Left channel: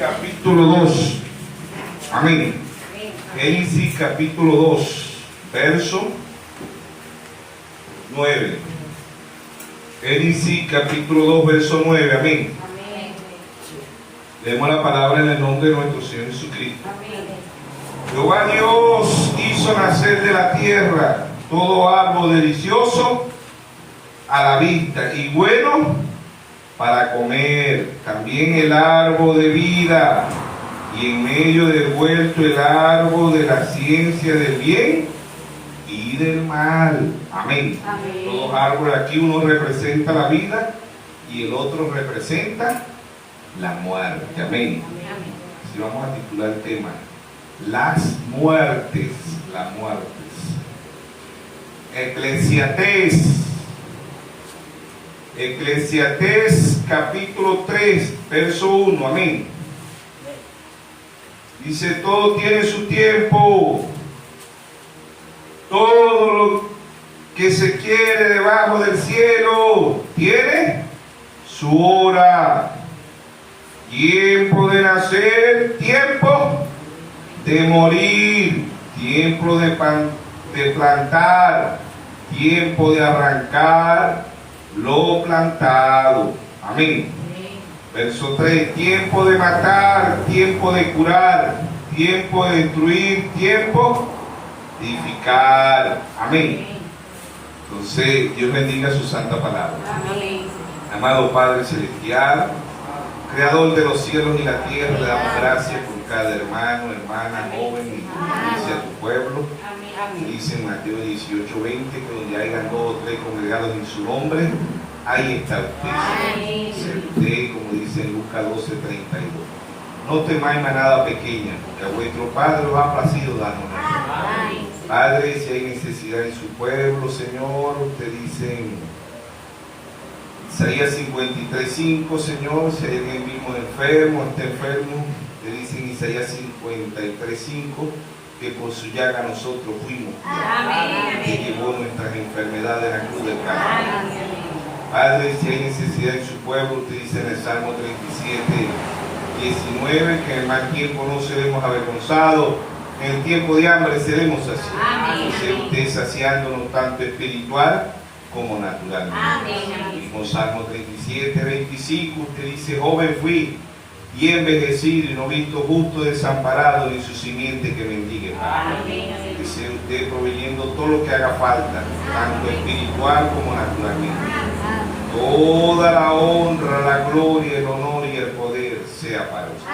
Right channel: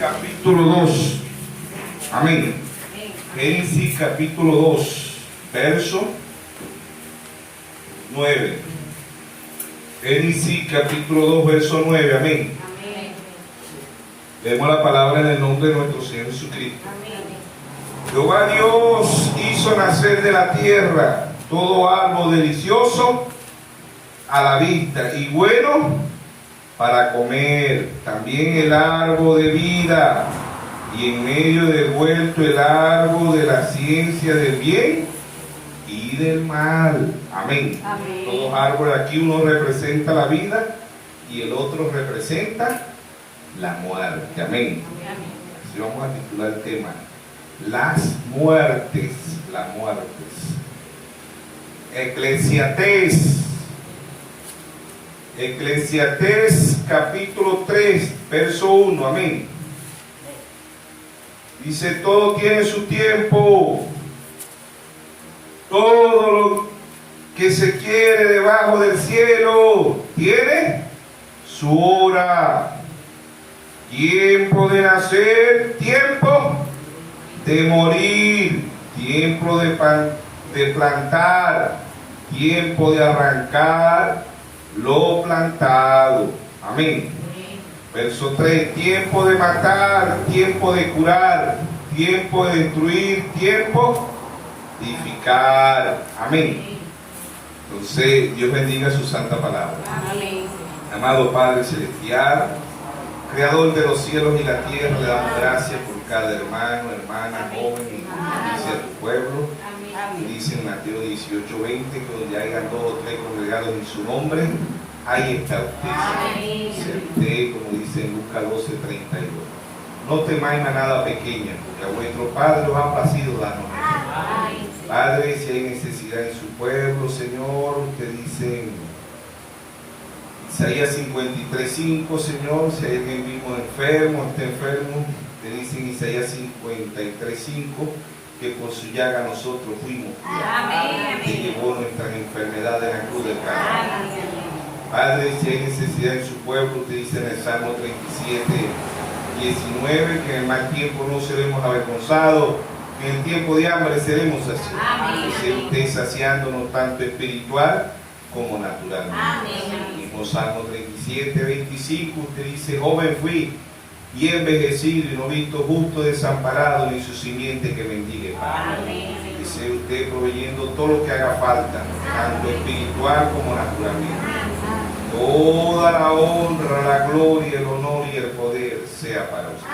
capítulo 2. Amén. Génesis capítulo 2, verso 9. Génesis capítulo 2, verso 9. Amén. Leemos la palabra en el nombre de nuestro Señor Jesucristo. Jehová Dios hizo nacer de la tierra todo árbol delicioso a la vista y bueno para comer, también el árbol de vida, y en medio del huerto el árbol de la ciencia del bien y del mal. Amén. Amén. Todos árboles aquí, uno representa la vida y el otro representa la muerte. Amén. Amén. Así vamos a titular el tema: las muertes. Las muertes. Eclesiastés capítulo 3, verso 1. Amén. Dice: todo tiene su tiempo, todo lo que se quiere debajo del cielo tiene su hora. Tiempo de nacer, tiempo de morir, tiempo de plantar, tiempo de arrancar lo plantado. Amén. Verso 3: tiempo de matar, tiempo de curar, tiempo de destruir, tiempo de edificar. Amén. Entonces, Dios bendiga su santa palabra. Amén. Amado Padre Celestial, Creador de los cielos y la tierra, le damos gracias por cada hermano, hermana, joven y dice a tu pueblo. Dice en Mateo 18:20 que donde hayan 2 o 3 congregados en su nombre, ahí está usted. Dice usted, como dice en Lucas 12:32. No temáis manada pequeña, porque a vuestro Padre os ha placido darnos. Padre, si hay necesidad en su pueblo, Señor, usted dice en Isaías 53:5, Señor, si hay alguien mismo enfermo, está enfermo, te dice en Isaías 53:5, que por su llaga nosotros fuimos, que llevó nuestras enfermedades en la cruz del Calvario. Padre, si hay necesidad en su pueblo, usted dice en el Salmo 37:19, que en el mal tiempo no seremos avergonzados, en el tiempo de hambre seremos saciados. Dice usted saciándonos tanto espiritual como naturalmente. Mismo Salmo 37:25, usted dice: joven fui y envejecido y no visto justo desamparado ni su simiente que mendigue pan. Dice usted proveyendo todo lo que haga falta, tanto espiritual como naturalmente. Toda la honra, la gloria, el honor y el poder sea para usted.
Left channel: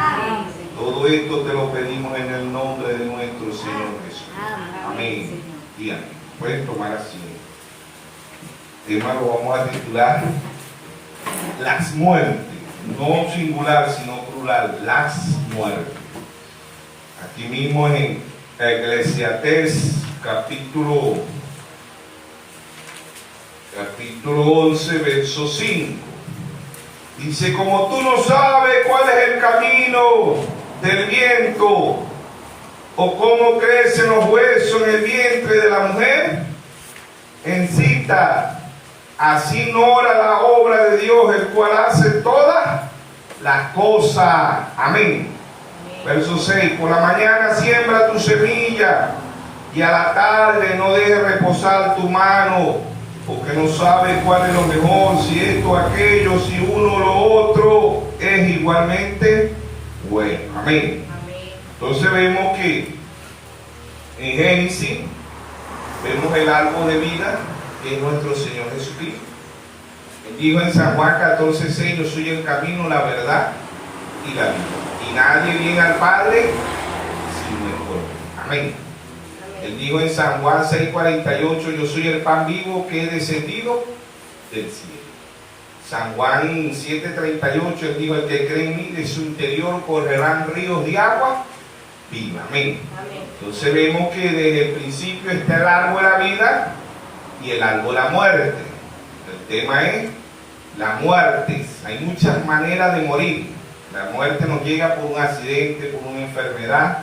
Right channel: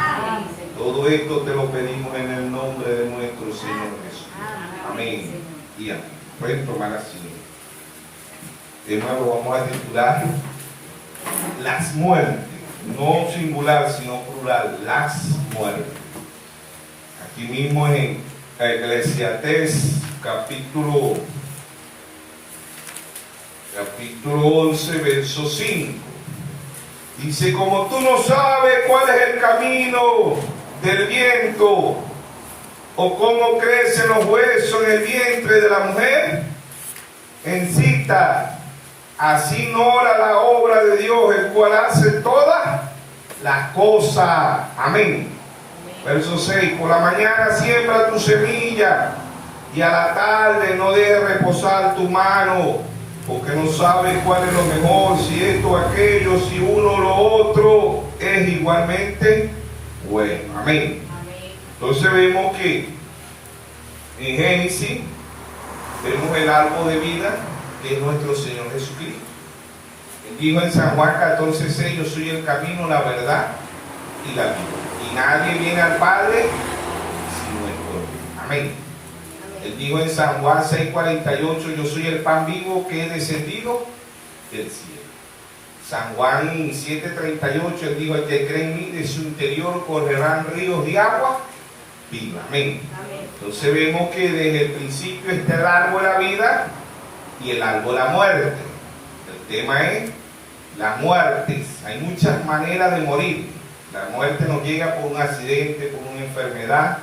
Todo esto te lo pedimos en el nombre de nuestro Señor Jesús. Amén y amén. Pueden tomar asiento. Tema lo vamos a titular las muertes, no singular sino plural, las muertes. Aquí mismo en Eclesiastés capítulo 11, verso 5. Dice: como tú no sabes cuál es el camino del viento, o cómo crecen los huesos en el vientre de la mujer en cita, así no ora la obra de Dios, el cual hace todas las cosas. Amén. Verso 6: por la mañana siembra tu semilla, y a la tarde no dejes reposar tu mano, porque no sabes cuál es lo mejor, si esto o aquello, si uno o lo otro es igualmente bueno. Amén. Entonces vemos que en Génesis vemos el árbol de vida, que es nuestro Señor Jesucristo. Él dijo en San Juan 14:6: yo soy el camino, la verdad y la vida, y nadie viene al Padre sino por mí. Amén. Él dijo en San Juan 6:48: yo soy el pan vivo que he descendido del cielo. San Juan 7:38, él dijo: el que cree en mí, de su interior correrán ríos de agua viva. Amén. Entonces vemos que desde el principio está el árbol de la vida y el árbol de la muerte. El tema es las muertes. Hay muchas maneras de morir. La muerte nos llega por un accidente, por una enfermedad,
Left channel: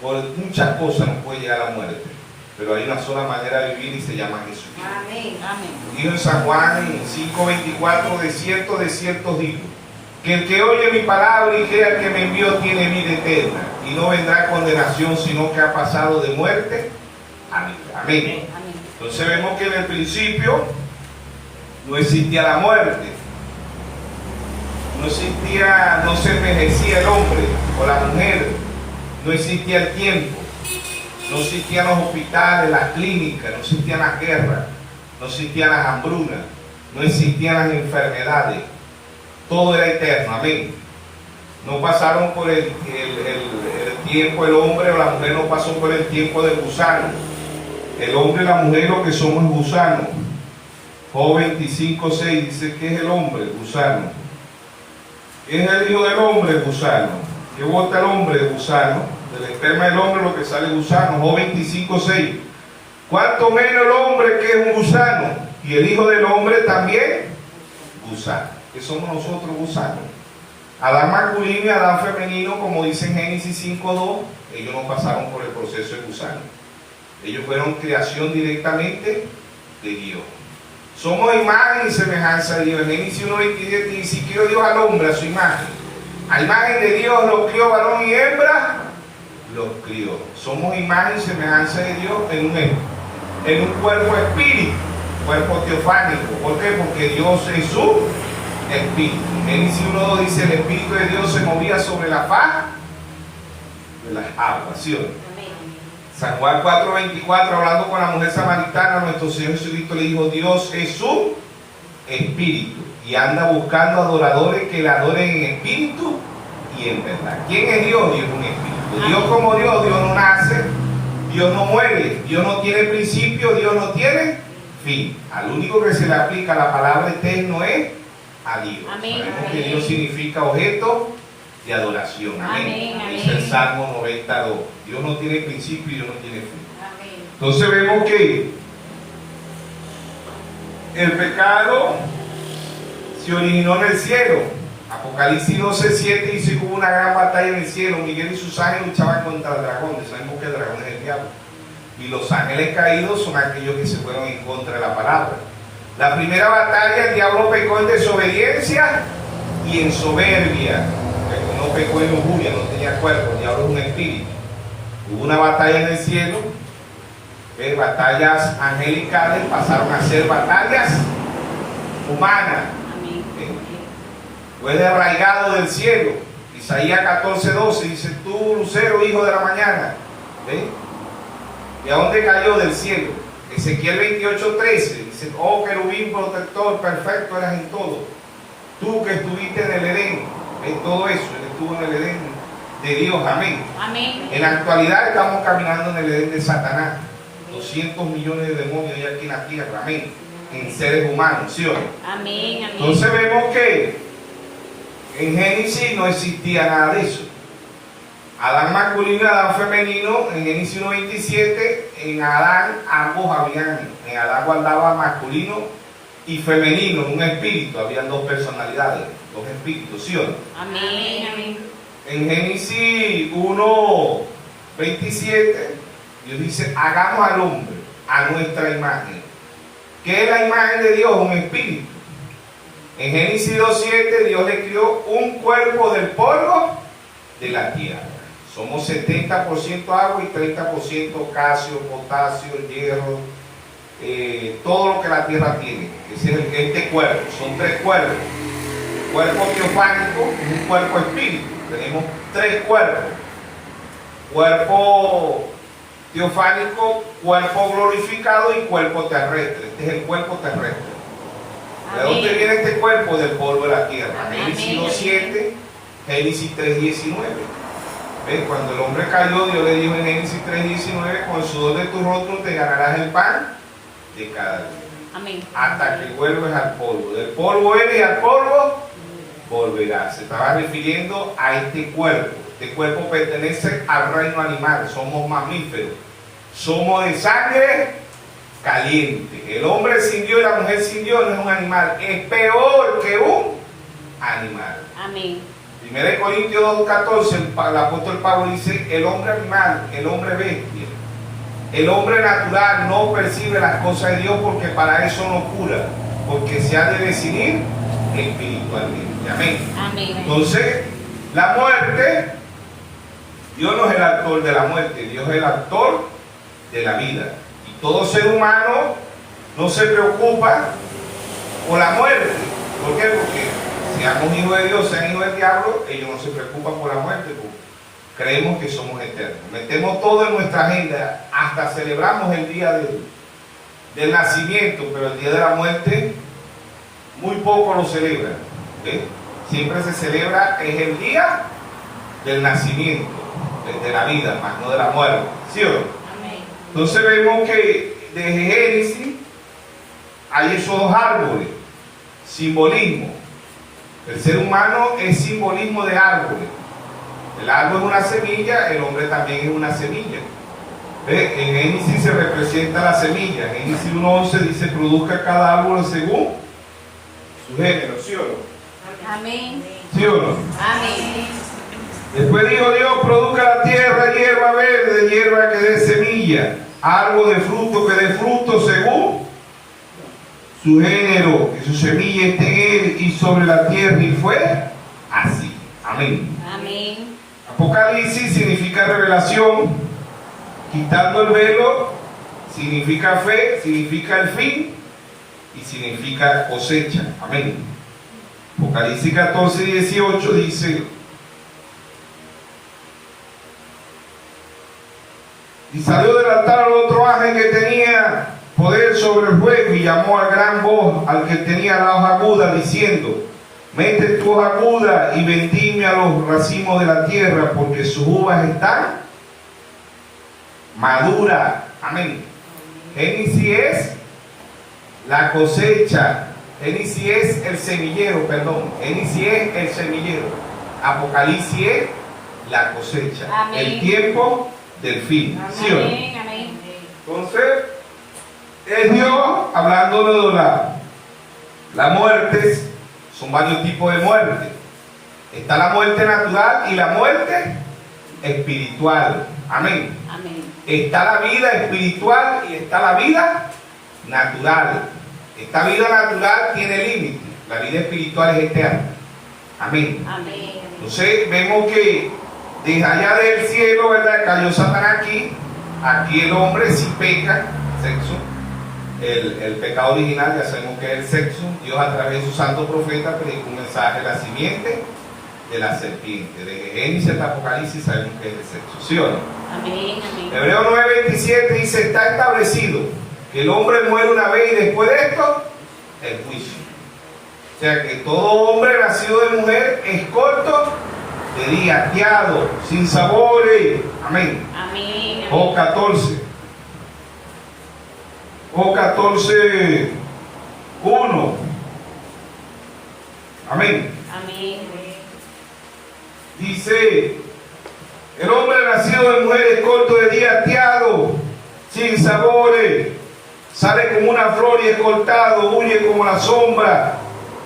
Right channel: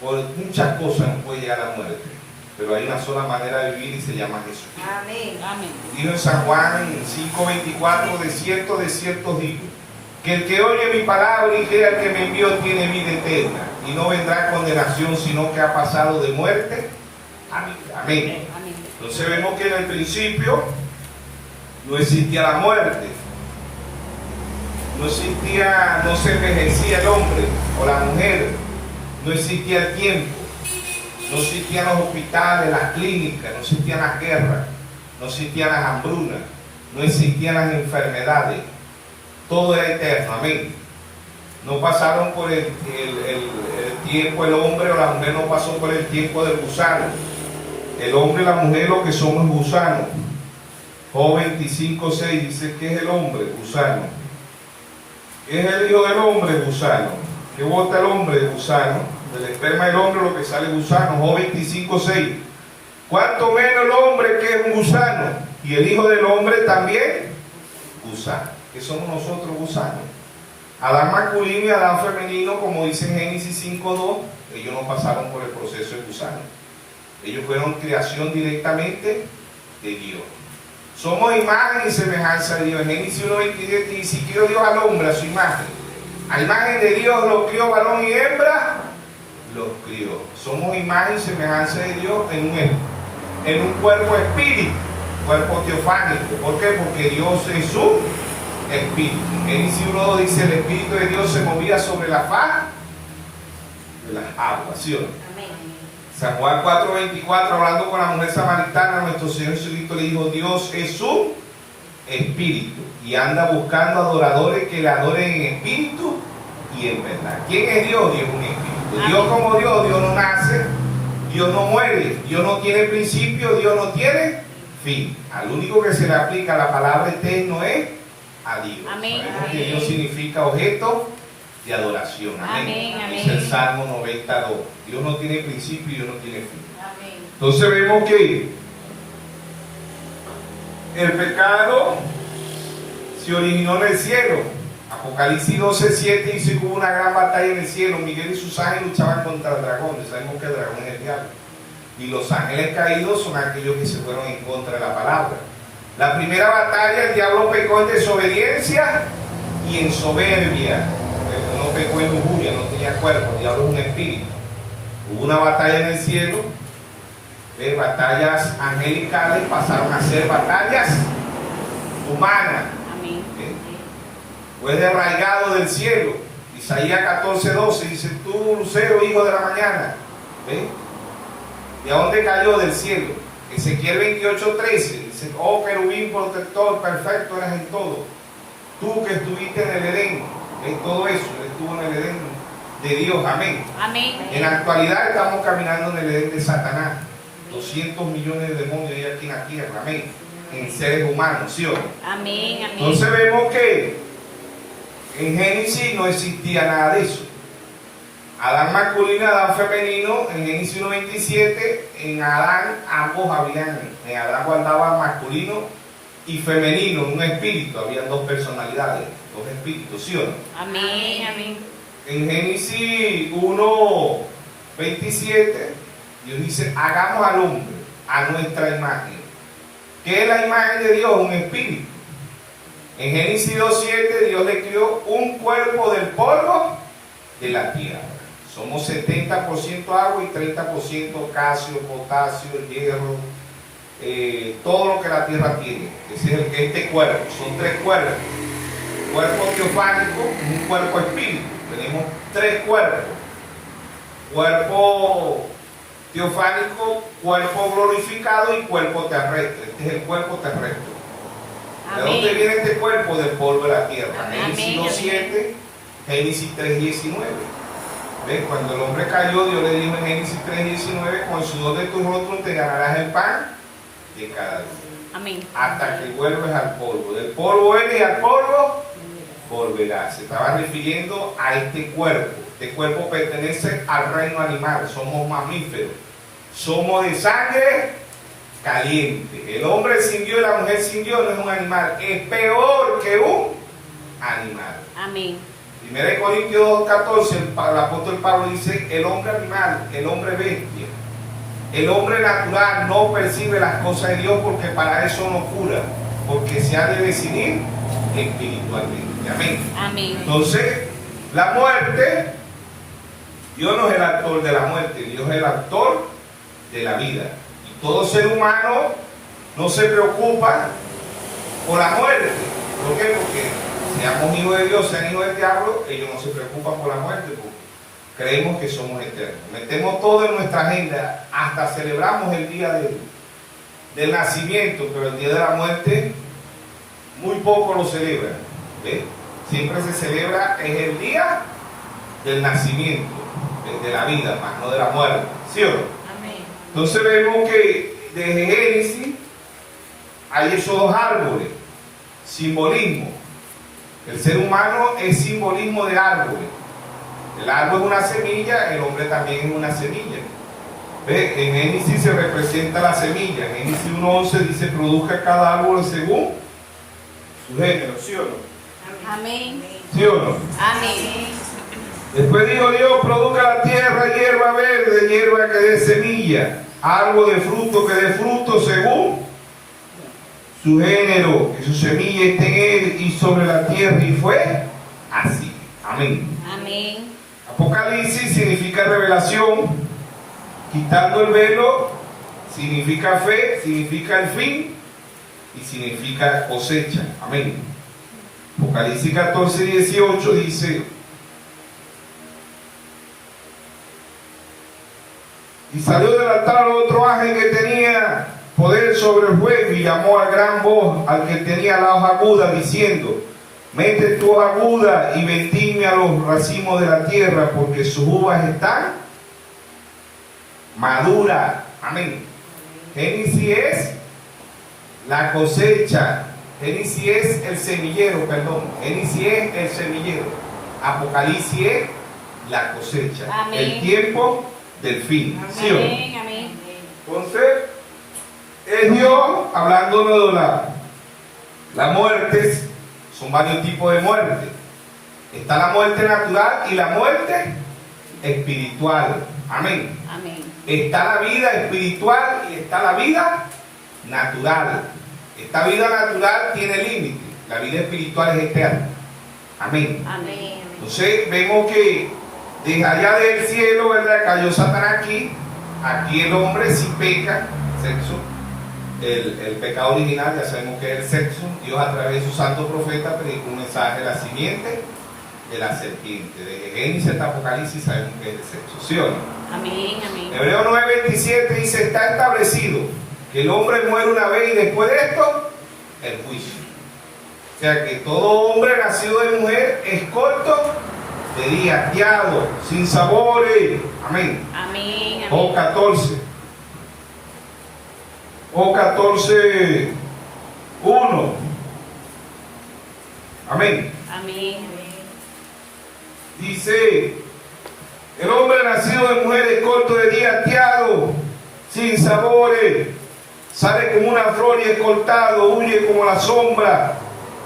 por muchas cosas nos puede llegar la muerte. Pero hay una sola manera de vivir y se llama Jesucristo. Amén. Dijo en San Juan 5:24: de cierto os digo, que el que oye mi palabra y crea que me envió tiene vida eterna y no vendrá condenación, sino que ha pasado de muerte a vida. Amén. Entonces vemos que en el principio no existía la muerte, no se envejecía el hombre o la mujer, no existía el tiempo, no existían los hospitales, las clínicas, no existían las guerras, no existían las hambrunas, no existían las enfermedades, todo era eterno. Amén. No pasaron por el tiempo, el hombre o la mujer no pasó por el tiempo del gusano. El hombre y la mujer lo que somos gusanos. Job 25:6 dice que es el hombre, gusano. ¿Qué es el hijo del hombre? Gusano. ¿Qué bota el hombre? Gusano. Del esperma del hombre lo que sale gusano. Job 25:6. ¿Cuánto menos el hombre que es un gusano? Y el hijo del hombre también gusano. ¿Qué somos nosotros? Gusanos. Adán masculino y Adán femenino, como dice en Génesis 5:2, ellos no pasaron por el proceso de gusano. Ellos fueron creación directamente de Dios. Somos imagen y semejanza de Dios. En Génesis 1:27 dice: y crió Dios al hombre a su imagen. A imagen de Dios los crió, varón y hembra los crió. Somos imagen y semejanza de Dios en un cuerpo espíritu, cuerpo teofánico. ¿Por qué? Porque Dios es su espíritu. En Génesis 1:2 dice: el espíritu de Dios se movía sobre la faz de las aguas. ¿Sí o no? San Juan 4:24, hablando con la mujer samaritana, nuestro Señor Jesucristo le dijo: Dios es su espíritu y anda buscando adoradores que le adoren en espíritu y en verdad. ¿Quién es Dios? Dios es un espíritu. Dios como Dios, Dios no nace, Dios no muere, Dios no tiene principio, Dios no tiene fin. Al único que se le aplica la palabra eterno es a Dios. Amén. Sabemos que Dios significa objeto de adoración. Amén. Dice el Salmo 92. Dios no tiene principio y Dios no tiene fin. Amén. Entonces vemos que el pecado se originó en el cielo. Apocalipsis 12:7 dice que hubo una gran batalla en el cielo. Miguel y sus ángeles luchaban contra el dragón. Sabemos que el dragón es el diablo. Y los ángeles caídos son aquellos que se fueron en contra de la palabra. La primera batalla, el diablo pecó en desobediencia y en soberbia. No pecó en lujuria, no tenía cuerpo, el diablo es un espíritu. Hubo una batalla en el cielo, batallas angelicales pasaron a ser batallas humanas. Fue derraigado del cielo. Isaías 14:12 dice: tú, lucero, hijo de la mañana. ¿De dónde cayó? Del cielo. Ezequiel 28:13 dice: oh querubín protector, perfecto eras en todo. Tú que estuviste en el Edén, en todo eso, él estuvo en el Edén de Dios. Amén. Amén. En la actualidad estamos caminando en el Edén de Satanás. 200 millones de demonios hay aquí en la tierra. Amén. En seres humanos, ¿sí o no? Amén. Amén. Entonces vemos que en Génesis no existía nada de eso. Adán masculino y Adán femenino, en Génesis 1:27, en Adán ambos en Adán guardaba masculino y femenino, un espíritu, habían dos personalidades, dos espíritus, ¿sí o no? Amén. Amén. En Génesis 1:27, Dios dice: hagamos al hombre a nuestra imagen. ¿Qué es la imagen de Dios? Un espíritu. En Génesis 2:7, Dios le creó un cuerpo del polvo de la tierra. Somos 70% agua y 30% calcio, potasio, hierro, todo lo que la tierra tiene. Ese es este cuerpo. Son tres cuerpos. Cuerpo teofánico es un cuerpo espíritu. Tenemos tres cuerpos. Cuerpo teofánico, cuerpo glorificado y cuerpo terrestre. Este es el cuerpo terrestre. ¿De dónde viene este cuerpo? Del polvo de la tierra. Génesis 2:7, Génesis 3:19. Cuando el hombre cayó, Dios le dijo en Génesis 3:19: con el sudor de tu rostro te ganarás el pan de cada día. Amén. Hasta que vuelves al polvo. Del polvo eres y al polvo volverás. Se estaba refiriendo a este cuerpo. Este cuerpo pertenece al reino animal. Somos mamíferos. Somos de sangre caliente. El hombre sin Dios y la mujer sin Dios no es un animal. Es peor que un animal. Amén. 1 Corintios 2:14, el apóstol Pablo dice: el hombre animal, el hombre bestia, el hombre natural no percibe las cosas de Dios porque para eso no cura, porque se ha de decidir espiritualmente. Amén. Amén. Amén. Entonces, la muerte, Dios no es el actor de la muerte, Dios es el actor de la vida. Y todo ser humano no se preocupa por la muerte. ¿Por qué? Porque seamos hijos de Dios, sean hijos del diablo, ellos no se preocupan por la muerte, porque creemos que somos eternos. Metemos todo en nuestra agenda, hasta celebramos el día del nacimiento, pero el día de la muerte muy poco lo celebran. ¿Okay? Siempre se celebra, es el día del nacimiento, de la vida, más no de la muerte. ¿Sí o no? Amén. Entonces vemos que desde Génesis hay esos dos árboles, simbolismo. El ser humano es simbolismo de árboles. El árbol es una semilla, el hombre también es una semilla. ¿Ve? En Génesis se representa la semilla. En Génesis 1:11 dice: produzca cada árbol según su género. ¿Sí o no? Amén. ¿Sí o no? Amén. Después dijo Dios: produzca la tierra hierba verde, hierba que dé semilla, árbol de fruto que dé fruto según su género, que su semilla esté en él y sobre la tierra. Y fue así. Amén. Amén. Apocalipsis significa revelación. Quitando el velo significa fe, significa el fin y significa cosecha. Amén. Apocalipsis 14:18 dice: y salió del altar otro ángel que tenía poder sobre el fuego y llamó a gran voz al que tenía la hoja aguda, diciendo: mete tu hoja aguda y vendimia los racimos de la tierra, porque sus uvas están maduras. Amén. Génesis es la cosecha. Génesis es el semillero, perdón. Génesis es el semillero. Apocalipsis es la cosecha. Amén. El tiempo del fin. ¿Sí o no? Amén. Amén. Entonces, es Dios hablándonos de la muerte. Son varios tipos de muerte. Está la muerte natural y la muerte espiritual. Amén. Amén. Está la vida espiritual y está la vida natural. Esta vida natural tiene límite. La vida espiritual es eterna. Amén. Amén. Entonces vemos que desde allá del cielo, ¿verdad?, cayó Satanás aquí. Aquí el hombre sí peca, sexo. El pecado original, ya sabemos que es el sexo. Dios a través de su santo profeta predicó un mensaje de la simiente de la serpiente. De Génesis hasta Apocalipsis sabemos que es el sexo. ¿Sí o no? Amén. Amén. Hebreo 9:27 dice: está establecido que el hombre muere una vez y después de esto, el juicio. O sea que todo hombre nacido de mujer es corto de día, ateado, sin sabores. Amén. Amén. Job 14. Job 14:1. Amén. Amén. Dice: el hombre nacido de mujer es corto de día, ateado, sin sabores, sale como una flor y es cortado, huye como la sombra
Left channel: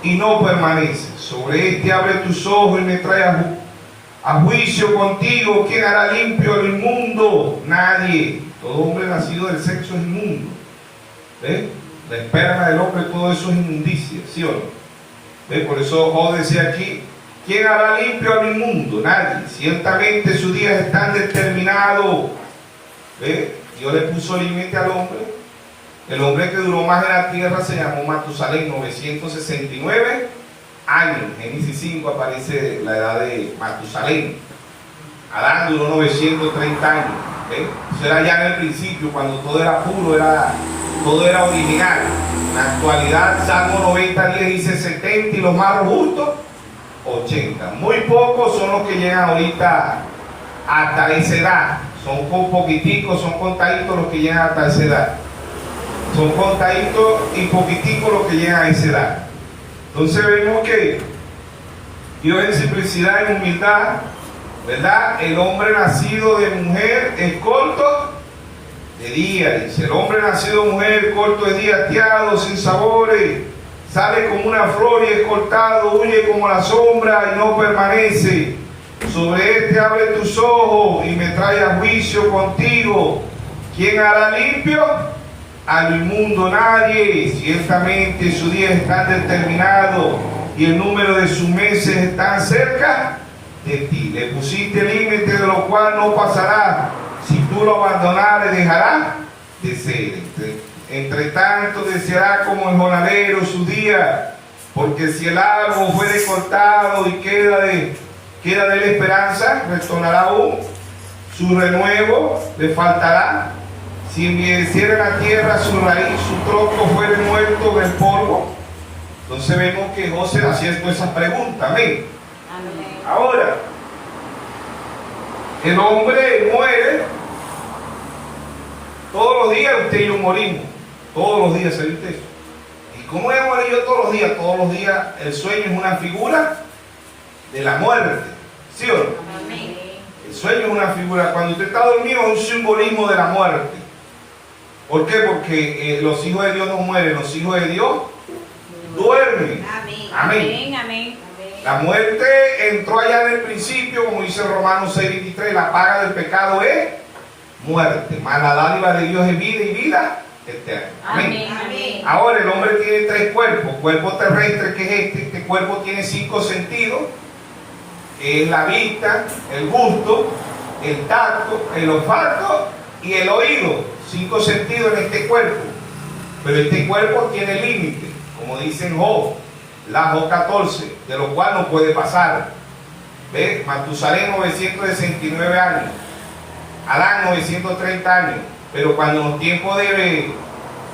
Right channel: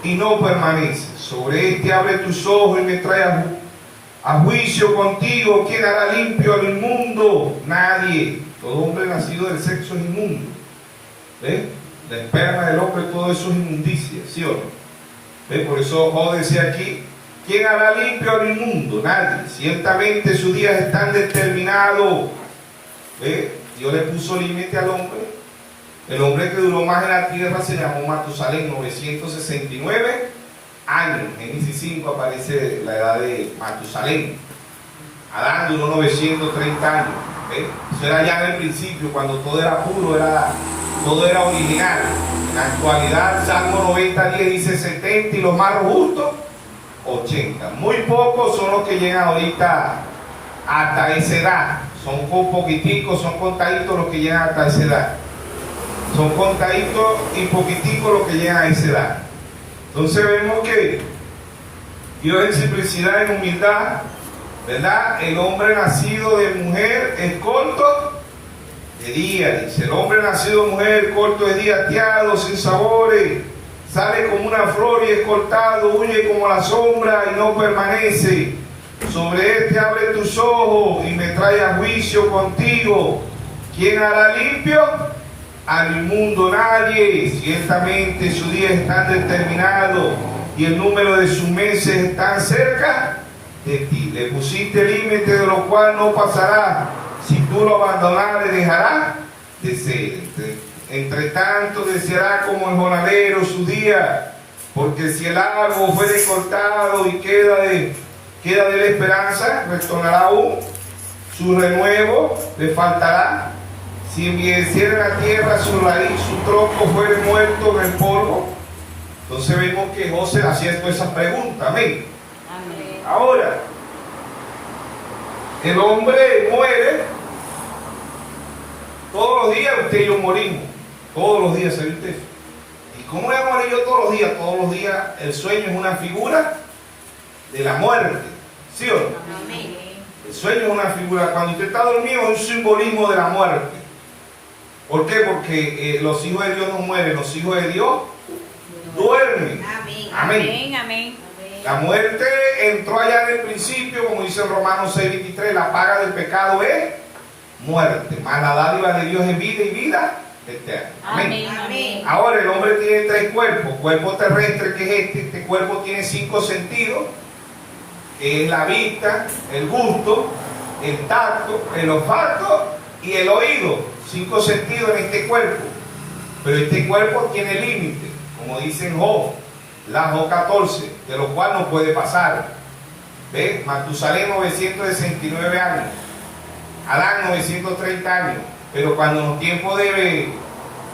y no permanece. Sobre este abre tus ojos y me trae a juicio contigo. ¿Quién hará limpio al inmundo? Nadie. Todo hombre nacido del sexo es inmundo. ¿Ves? La esperma del hombre, todo eso es inmundicia, ¿sí o no? ¿Ves? Por eso Job decía aquí: ¿quién hará limpio al inmundo? Nadie. Ciertamente sus días están determinados. ¿Ves? Dios le puso límite al hombre. El hombre que duró más en la tierra se llamó Matusalén, 969 años. En Génesis 5 aparece la edad de Matusalén. Adán duró 930 años. ¿Ves? Eso era ya en el principio, cuando todo era puro, todo era original. En la actualidad, Salmo 90:10 dice 70 y los más justos 80. Muy pocos son los que llegan ahorita hasta esa edad. Son poquiticos, son contaditos los que llegan hasta esa edad. Son contaditos y poquiticos los que llegan a esa edad. Entonces vemos que Dios en simplicidad, en humildad, ¿verdad? El hombre nacido de mujer es corto de día. Dice: el hombre nacido de mujer, corto de día, ateado, sin sabores, sale como una flor y es cortado, huye como la sombra y no permanece. Sobre este abre tus ojos y me trae a juicio contigo. ¿Quién hará limpio al inmundo? Nadie. Ciertamente sus días están determinados y el número de sus meses están cerca de ti. Le pusiste límite de lo cual no pasará. Si tú lo abandonares, dejará de ser. Entre tanto, deseará como el jornalero su día, porque si el árbol fuere cortado y queda de la esperanza, retornará aún. Su renuevo le faltará. Si envieciera la tierra su raíz, su tronco fuere muerto en el polvo. Entonces vemos que José haciendo esa pregunta. Amén. Amén. Ahora, el hombre muere. Todos los días usted y yo morimos. Todos los días, ¿sabe usted? ¿Y cómo voy a morir yo todos los días? Todos los días el sueño es una figura de la muerte. ¿Sí o no? Amén. El sueño es una figura. Cuando usted está dormido es un simbolismo de la muerte. ¿Por qué? Porque los hijos de Dios no mueren. Los hijos de Dios duermen. Amén. Amén. Amén. Amén. La muerte entró allá en el principio, como dice Romanos 6:23, la paga del pecado es muerte, mas la dádiva de Dios es vida y vida eterna. Amén. Amén. Ahora el hombre tiene tres cuerpos: cuerpo terrestre, que es este cuerpo tiene 5 sentidos, que es la vista, el gusto, el tacto, el olfato y el oído. 5 sentidos en este cuerpo, pero este cuerpo tiene límite, como dice en Job, la Job 14, de lo cual no puede pasar. ¿Ves? Matusalén 969 años, Adán 930 años, pero cuando en los tiempos de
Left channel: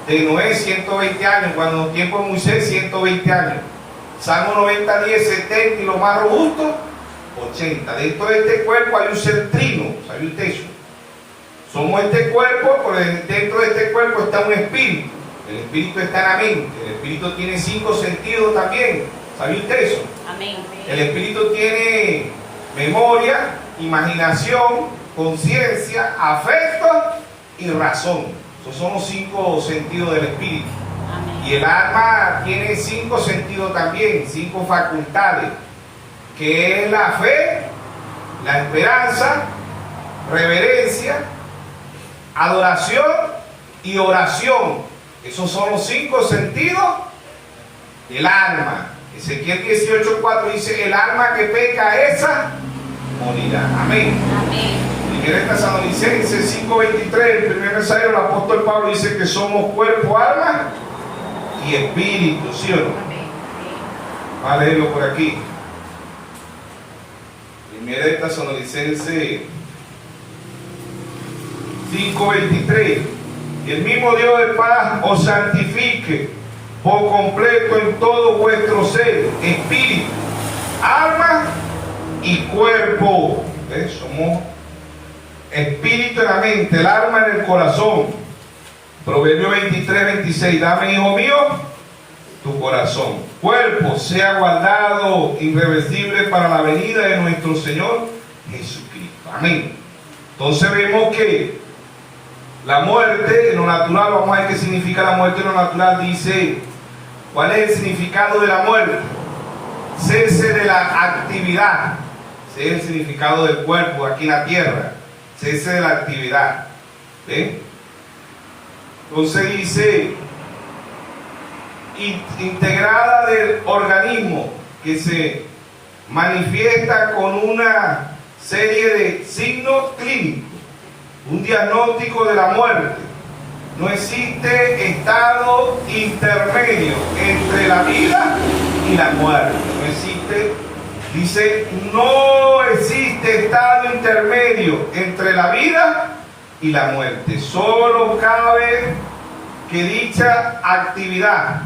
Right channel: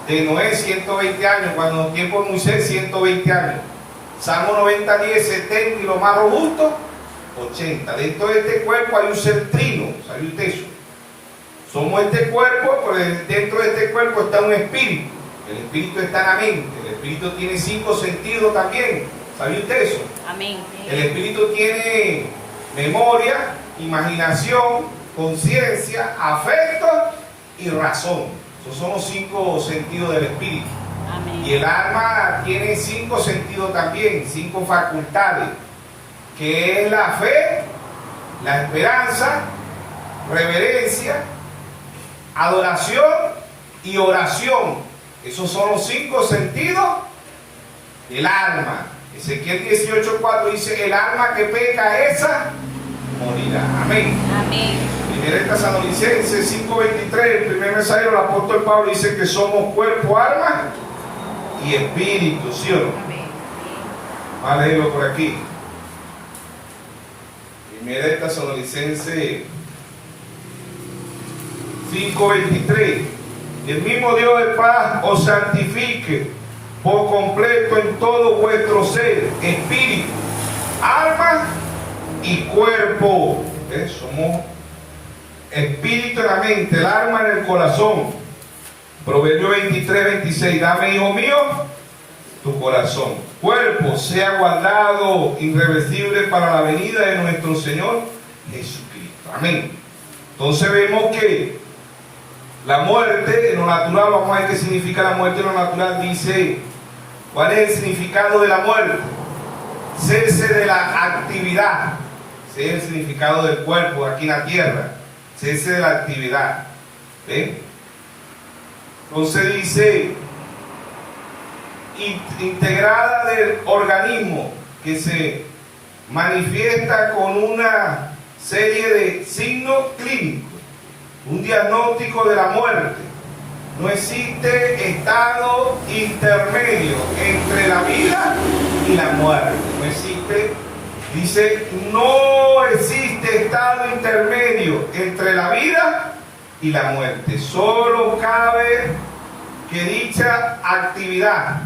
Noé 120 años, cuando en los tiempos de Moisés 120 años, Salmo 90:10, 70 y lo más robusto 80. Dentro de este cuerpo hay un ser trino, ¿sabe usted eso? Somos este cuerpo, pero dentro de este cuerpo está un espíritu. El espíritu está en la mente. El espíritu tiene 5 sentidos también. ¿Sabe usted eso? Amén. El espíritu tiene memoria, imaginación, conciencia, afecto y razón. Esos son los 5 sentidos del espíritu. Amén. Y el alma tiene 5 sentidos también, 5 facultades, que es la fe, la esperanza, reverencia, adoración y oración. Esos son los 5 sentidos del alma. Ezequiel 18:4 dice: el alma que peca, esa morirá. Amén. Amén. Primera Tesalonicenses 5:23, el primer mensaje del apóstol Pablo dice que somos cuerpo, alma y espíritu, ¿sí o no? Amén. Vamos a leerlo por aquí. Primera Tesalonicenses 5:23. Y el mismo Dios de paz os santifique por completo en todo vuestro ser, espíritu, alma y cuerpo. Somos espíritu en la mente, el alma en el corazón. Proverbio 23:26. Dame, hijo mío, tu corazón. Cuerpo sea guardado irreversible para la venida de nuestro Señor Jesucristo. Amén. Entonces vemos que la muerte en lo natural, vamos a ver qué significa la muerte en lo natural. Dice, ¿cuál es el significado de la muerte? Cese de la actividad. Ese es el significado del cuerpo aquí en la tierra. Cese de la actividad. ¿Ven? Entonces dice, integrada del organismo, que se manifiesta con una serie de signos clínicos. Un diagnóstico de la muerte. No existe estado intermedio entre la vida y la muerte. No existe, dice, no existe estado intermedio entre la vida y la muerte. Solo cabe que dicha actividad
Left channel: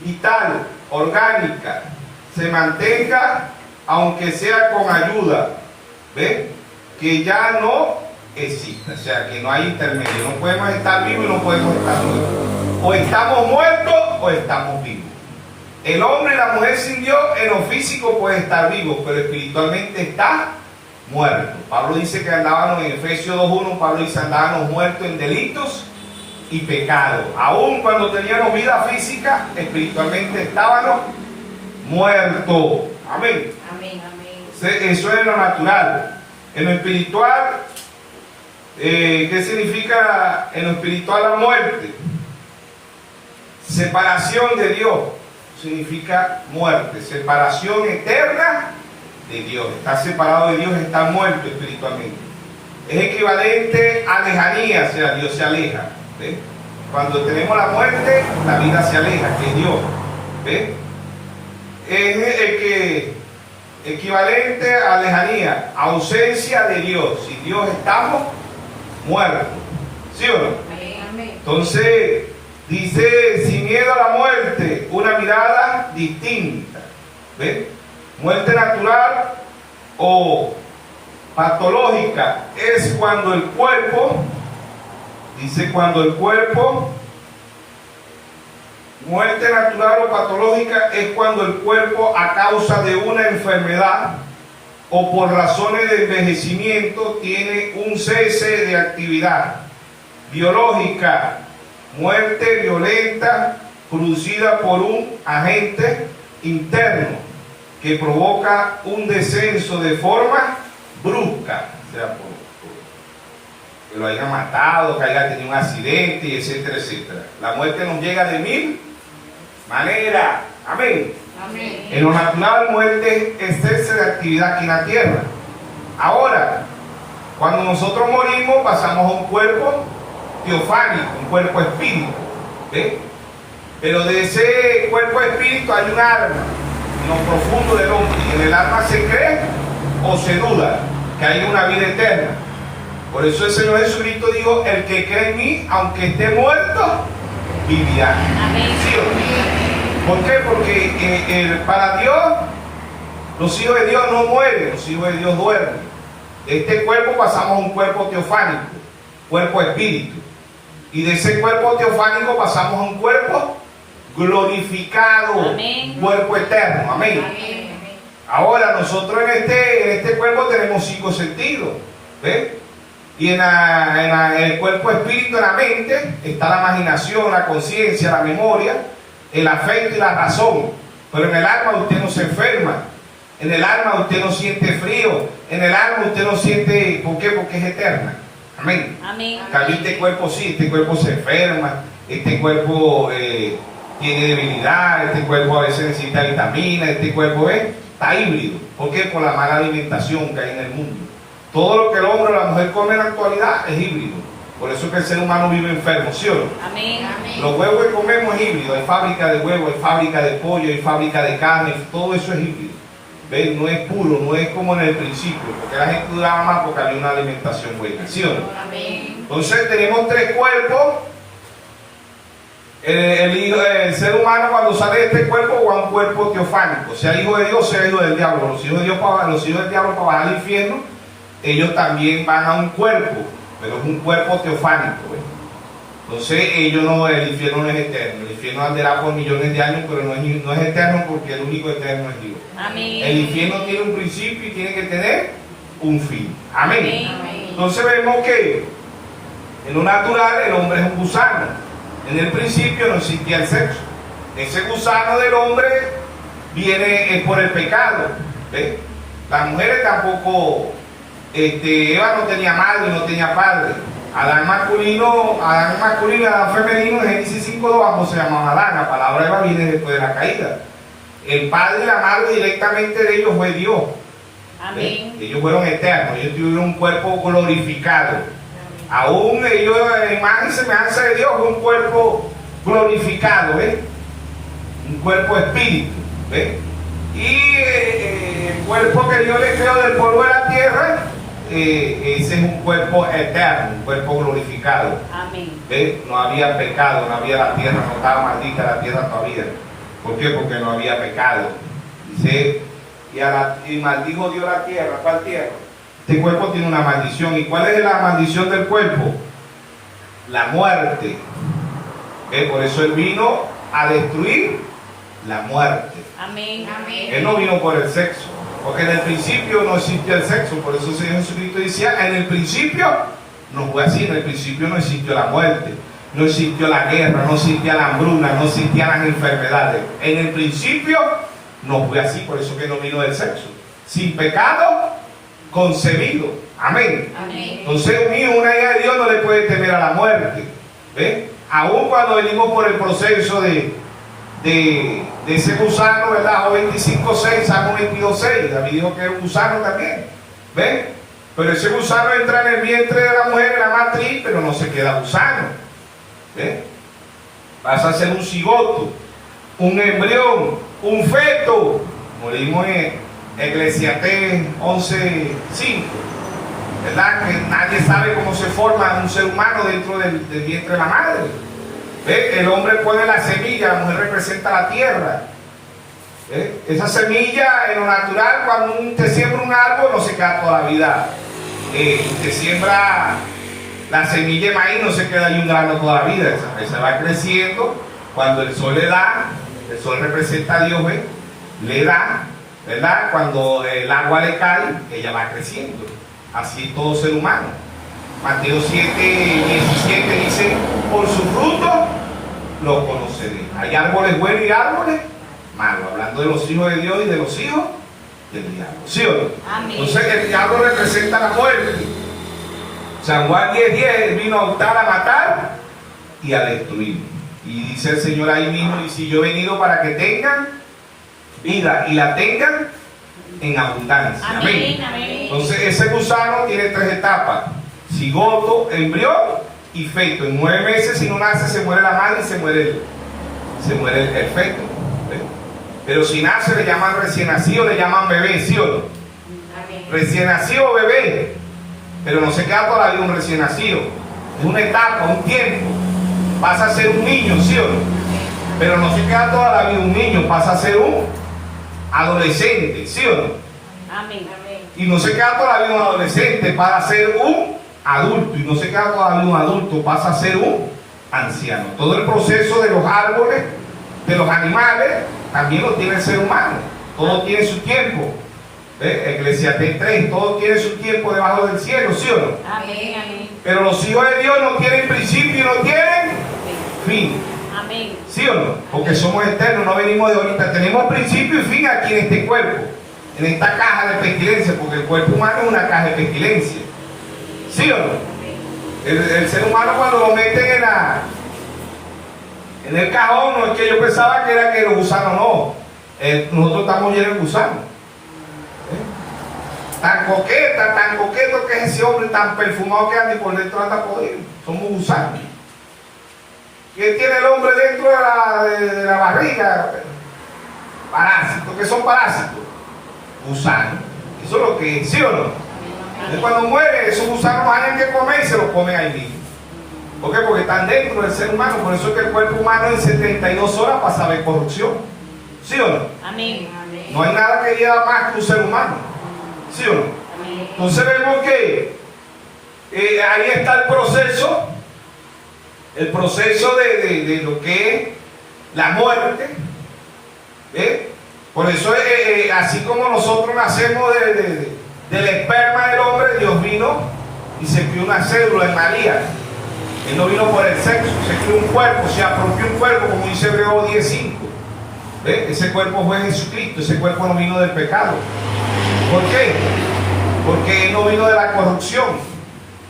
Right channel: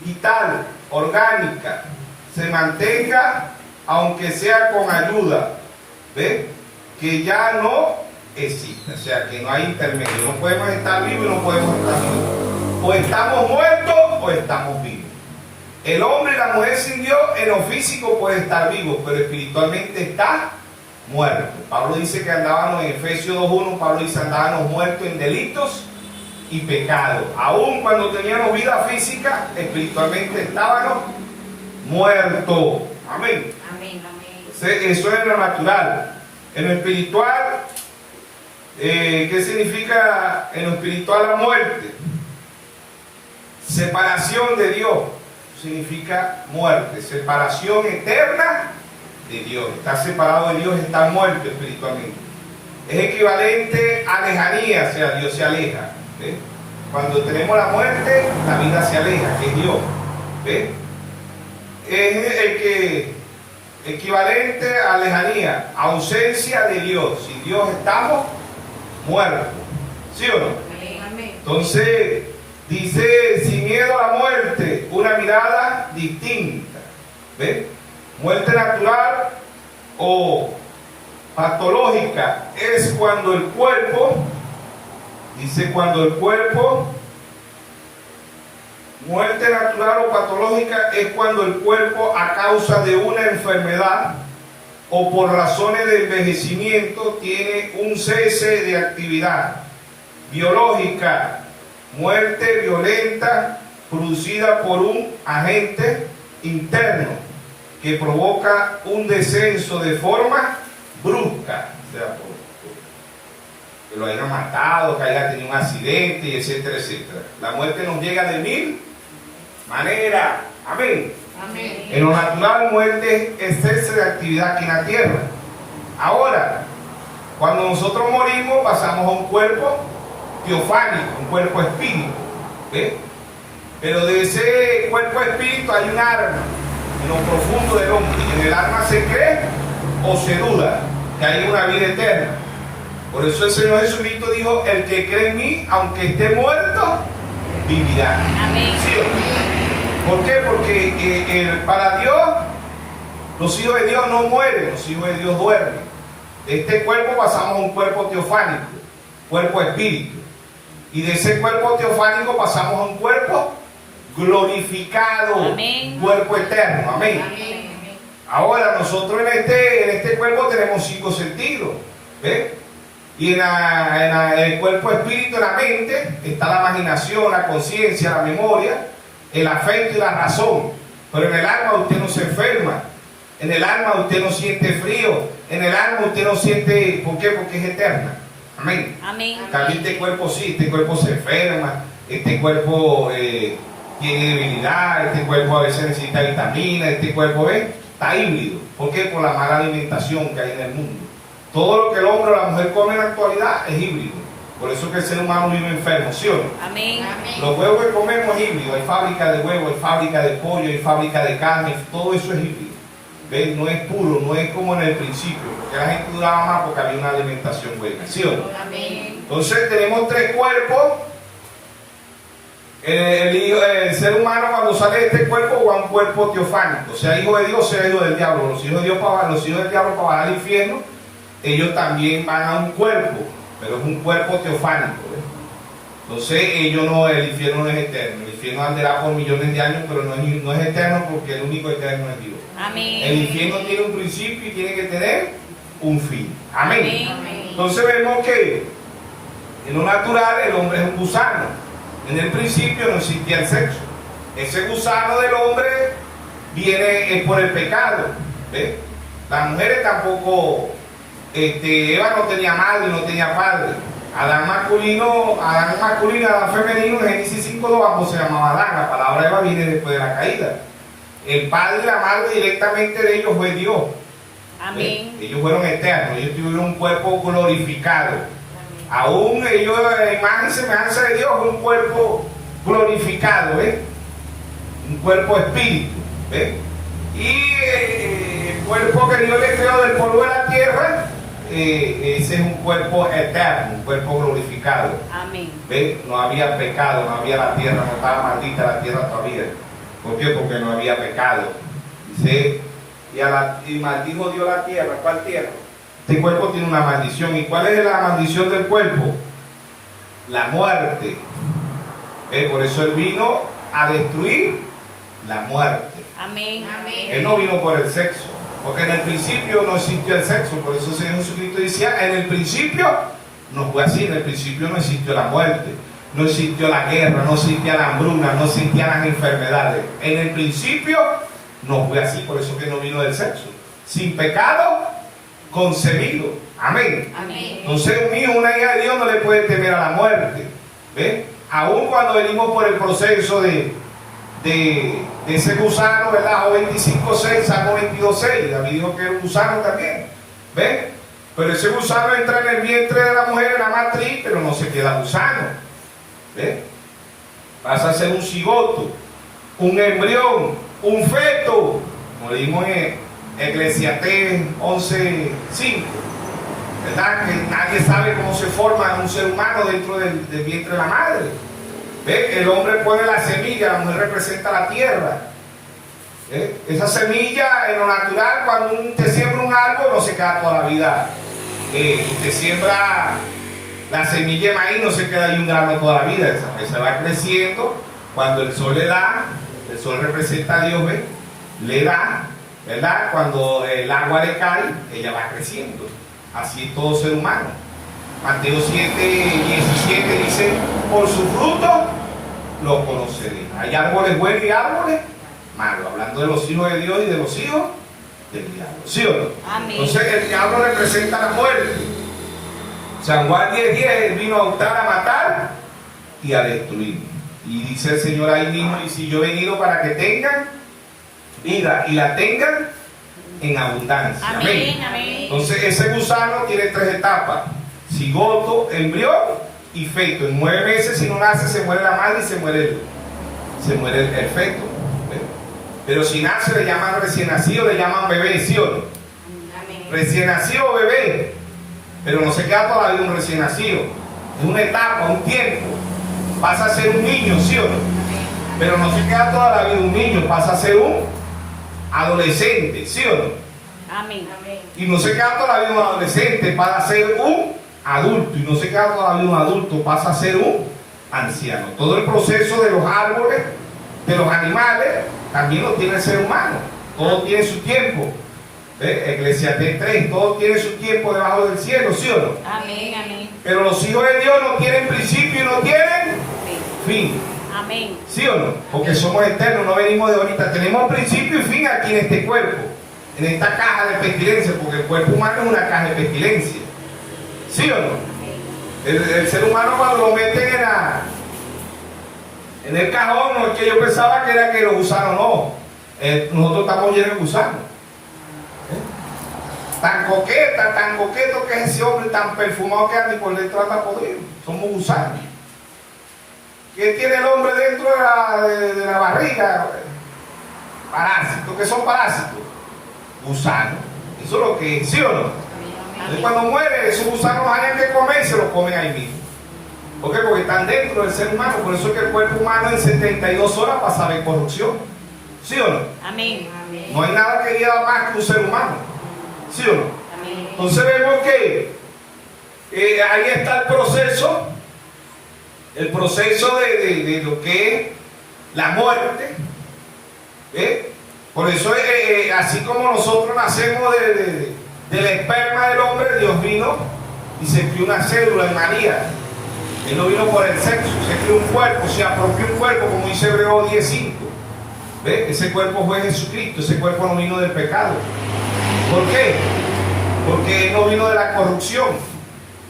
vital, orgánica, se mantenga, aunque sea con ayuda. ¿Ven? Que ya no existe, o sea, que no hay intermedio. No podemos estar vivos y no podemos estar muertos. O estamos muertos o estamos vivos. El hombre y la mujer sin Dios en lo físico puede estar vivos, pero espiritualmente está muerto. Pablo dice que andábamos en Efesios 2:1, Pablo dice andábamos muertos en delitos y pecados. Aún cuando teníamos vida física, espiritualmente estábamos muertos. Amén. Amén. Amén. Eso es lo natural. En lo espiritual, ¿qué significa en lo espiritual la muerte? Separación de Dios. significa muerte, separación eterna de Dios. Estar separado de Dios es estar muerto espiritualmente. Es equivalente a lejanía, o sea, Dios se aleja. ¿Ve? Cuando tenemos la muerte, la vida se aleja, que es Dios. ¿Ve? Es equivalente a lejanía, ausencia de Dios. Si Dios estamos muertos. ¿Sí o no? Amén. Entonces, dice, sin miedo a la muerte, una mirada distinta. ¿Ve? Muerte natural o patológica es cuando el cuerpo, dice, cuando el cuerpo, muerte natural o patológica es cuando el cuerpo, a causa de una enfermedad o por razones de envejecimiento, tiene un cese de actividad biológica. Muerte violenta producida por un agente interno que provoca un descenso de forma brusca, o sea, que lo hayan matado, que haya tenido un accidente, y etcétera, etcétera. La muerte nos llega de mil maneras. Amén. Amén. En lo natural, muerte es cese de actividad aquí en la tierra. Ahora, cuando nosotros morimos, pasamos a un cuerpo teofánico, un cuerpo espíritu. ¿Ve? Pero de ese cuerpo espíritu hay un alma en lo profundo del hombre. En el alma se cree o se duda que hay una vida eterna. Por eso el Señor Jesucristo dijo: el que cree en mí, aunque esté muerto, vivirá. Amén. ¿Sí o no? ¿Por qué? Porque para Dios, los hijos de Dios no mueren, los hijos de Dios duermen. De este cuerpo pasamos a un cuerpo teofánico, cuerpo espíritu. Y de ese cuerpo teofánico pasamos a un cuerpo glorificado, amén, cuerpo eterno. Amén. Amén. Ahora nosotros en este cuerpo tenemos 5 sentidos. ¿Ves? Y en el cuerpo espíritu, en la mente, está la imaginación, la conciencia, la memoria, el afecto y la razón. Pero en el alma usted no se enferma. En el alma usted no siente frío. En el alma usted no siente... ¿Por qué? Porque es eterna. Amén. Amén. Cambio este cuerpo sí, este cuerpo se enferma, este cuerpo tiene debilidad, este cuerpo a veces necesita vitaminas, este cuerpo está híbrido. ¿Por qué? Por la mala alimentación que hay en el mundo. Todo lo que el hombre o la mujer come en la actualidad es híbrido. Por eso es que el ser humano vive enfermo, ¿sí o no? Amén. Los huevos que comemos es híbrido. Hay fábrica de huevos, hay fábrica de pollo, hay fábrica de carne, todo eso es híbrido. ¿Ven? No es puro, no es como en el principio, porque la gente duraba más porque había una alimentación buena, ¿sí o no? Amén. Entonces tenemos 3 cuerpos. El ser humano, cuando sale de este cuerpo, va a un cuerpo teofánico, sea hijo de Dios, sea hijo del diablo. Los hijos de Dios los hijos del diablo para bajar al infierno, ellos también van a un cuerpo, pero es un cuerpo teofánico. Entonces ellos no, el infierno no es eterno. El infierno andará por millones de años, pero no es eterno, porque el único eterno es Dios. Amén. El infierno tiene un principio y tiene que tener un fin. Amén. Amén. Entonces vemos que en lo natural el hombre es un gusano. En el principio no existía el sexo. Ese gusano del hombre viene por el pecado. ¿Ves? Las mujeres tampoco, Eva no tenía madre, no tenía padre. Adán masculino, Adán femenino, en Génesis 5:2 ambos se llamaba Adán. La palabra Eva viene después de la caída. El padre y la madre directamente de ellos fue Dios. Amén. Ellos fueron eternos, ellos tuvieron un cuerpo glorificado. Aún ellos, imagen y semejanza de Dios, un cuerpo glorificado, ¿ves? Un cuerpo espíritu, ¿ves? Y el cuerpo que Dios le creó del polvo de la tierra, ese es un cuerpo eterno, un cuerpo glorificado. Amén. ¿Ves? No había pecado, no había la tierra, no estaba maldita la tierra todavía. ¿Por qué? Porque no había pecado. Dice, y maldijo Dios la tierra. ¿Cuál tierra? Este cuerpo tiene una maldición. ¿Y cuál es la maldición del cuerpo? La muerte. Por eso Él vino a destruir la muerte. Amén. Amén. Él no vino por el sexo, porque en el principio no existía el sexo. Por eso el Señor Jesucristo decía, en el principio no fue así. En el principio no existió la muerte, no existió la guerra, no existía la hambruna, no existían las enfermedades. En el principio no fue así. Por eso que no vino del sexo. Sin pecado concebido. Amén. Amén. Entonces un hijo, una hija de Dios no le puede temer a la muerte. ¿Ves? Aún cuando venimos por el proceso de de ese gusano, ¿verdad? Job 25:6, Salmo 22:6. David dijo que era un gusano también. ¿Ven? Pero ese gusano entra en el vientre de la mujer, en la matriz, pero no se queda gusano. ¿Ven? Pasa a ser un cigoto, un embrión, un feto, como leímos en Eclesiastés 11:5. ¿Verdad? Que nadie sabe cómo se forma un ser humano dentro del vientre de la madre. ¿Ve? El hombre pone la semilla, la mujer representa la tierra. ¿Ve? Esa semilla en lo natural, cuando te siembra un árbol, no se queda toda la vida. Te siembra la semilla de maíz, no se queda ahí un grano toda la vida. Se va creciendo. Cuando el sol le da, el sol representa a Dios, ¿ve? Le da, ¿verdad? Cuando el agua le cae, ella va creciendo. Así es todo ser humano. Mateo 7:17 dice: por sus frutos los conoceré. Hay árboles buenos y árboles malos, hablando de los hijos de Dios y de los hijos del diablo. ¿Sí o no? Amén. Entonces el diablo representa la muerte. San Juan 10:10 vino a hurtar, a matar y a destruir. Y dice el Señor ahí mismo: y si yo he venido para que tengan vida y la tengan en abundancia. Amén. Amén. Entonces ese gusano tiene 3 etapas: cigoto, embrión y feto. En 9 meses, si no nace, se muere la madre y se muere el feto. ¿Ven? Pero si nace, le llaman recién nacido, le llaman bebé, ¿sí o no? Amén. Recién nacido, bebé. Pero no se queda toda la vida un recién nacido. Es una etapa, un tiempo. Pasa a ser un niño, ¿sí o no? Pero no se queda toda la vida un niño, pasa a ser un adolescente, ¿sí o no? Amén. Amén. Y no se queda toda la vida un adolescente, pasa a ser un adulto. Y no se queda toda la vida un adulto, pasa a ser un anciano. Todo el proceso de los árboles, de los animales, también lo tiene el ser humano. Todo tiene su tiempo. Eclesiastés 3, todo tiene su tiempo debajo del cielo, ¿sí o no? Amén. Amén. Pero los hijos de Dios no tienen principio y no tienen fin. Amén. ¿Sí o no? Porque somos eternos, no venimos de ahorita. Tenemos principio y fin aquí en este cuerpo, en esta caja de pestilencia, porque el cuerpo humano es una caja de pestilencia. ¿Sí o no? El ser humano, cuando lo meten en el cajón, no es que yo pensaba que era que los gusanos no. Nosotros estamos llenos de gusanos. Tan coqueto que es ese hombre, tan perfumado que anda y por dentro anda podrido. Somos gusanos. ¿Qué tiene el hombre dentro de la barriga? Parásitos. ¿Qué son parásitos? Gusanos. Eso es lo que es, ¿sí o no? Entonces, cuando muere, esos gusanos hay que comer y se los comen ahí mismo. ¿Por qué? Porque están dentro del ser humano. Por eso es que el cuerpo humano en 72 horas pasa de corrupción. ¿Sí o no? Amén. No hay nada que lleva más que un ser humano. ¿Sí o no? Amén. Entonces vemos que ahí está el proceso de lo que es la muerte. Por eso, así como nosotros nacemos del esperma del hombre, Dios vino y se envió una célula en María. Él no vino por el sexo, se creó un cuerpo, se apropió un cuerpo, como dice Hebreos 10:5. Ese cuerpo fue Jesucristo, ese cuerpo no vino del pecado. ¿Por qué? Porque no vino de la corrupción.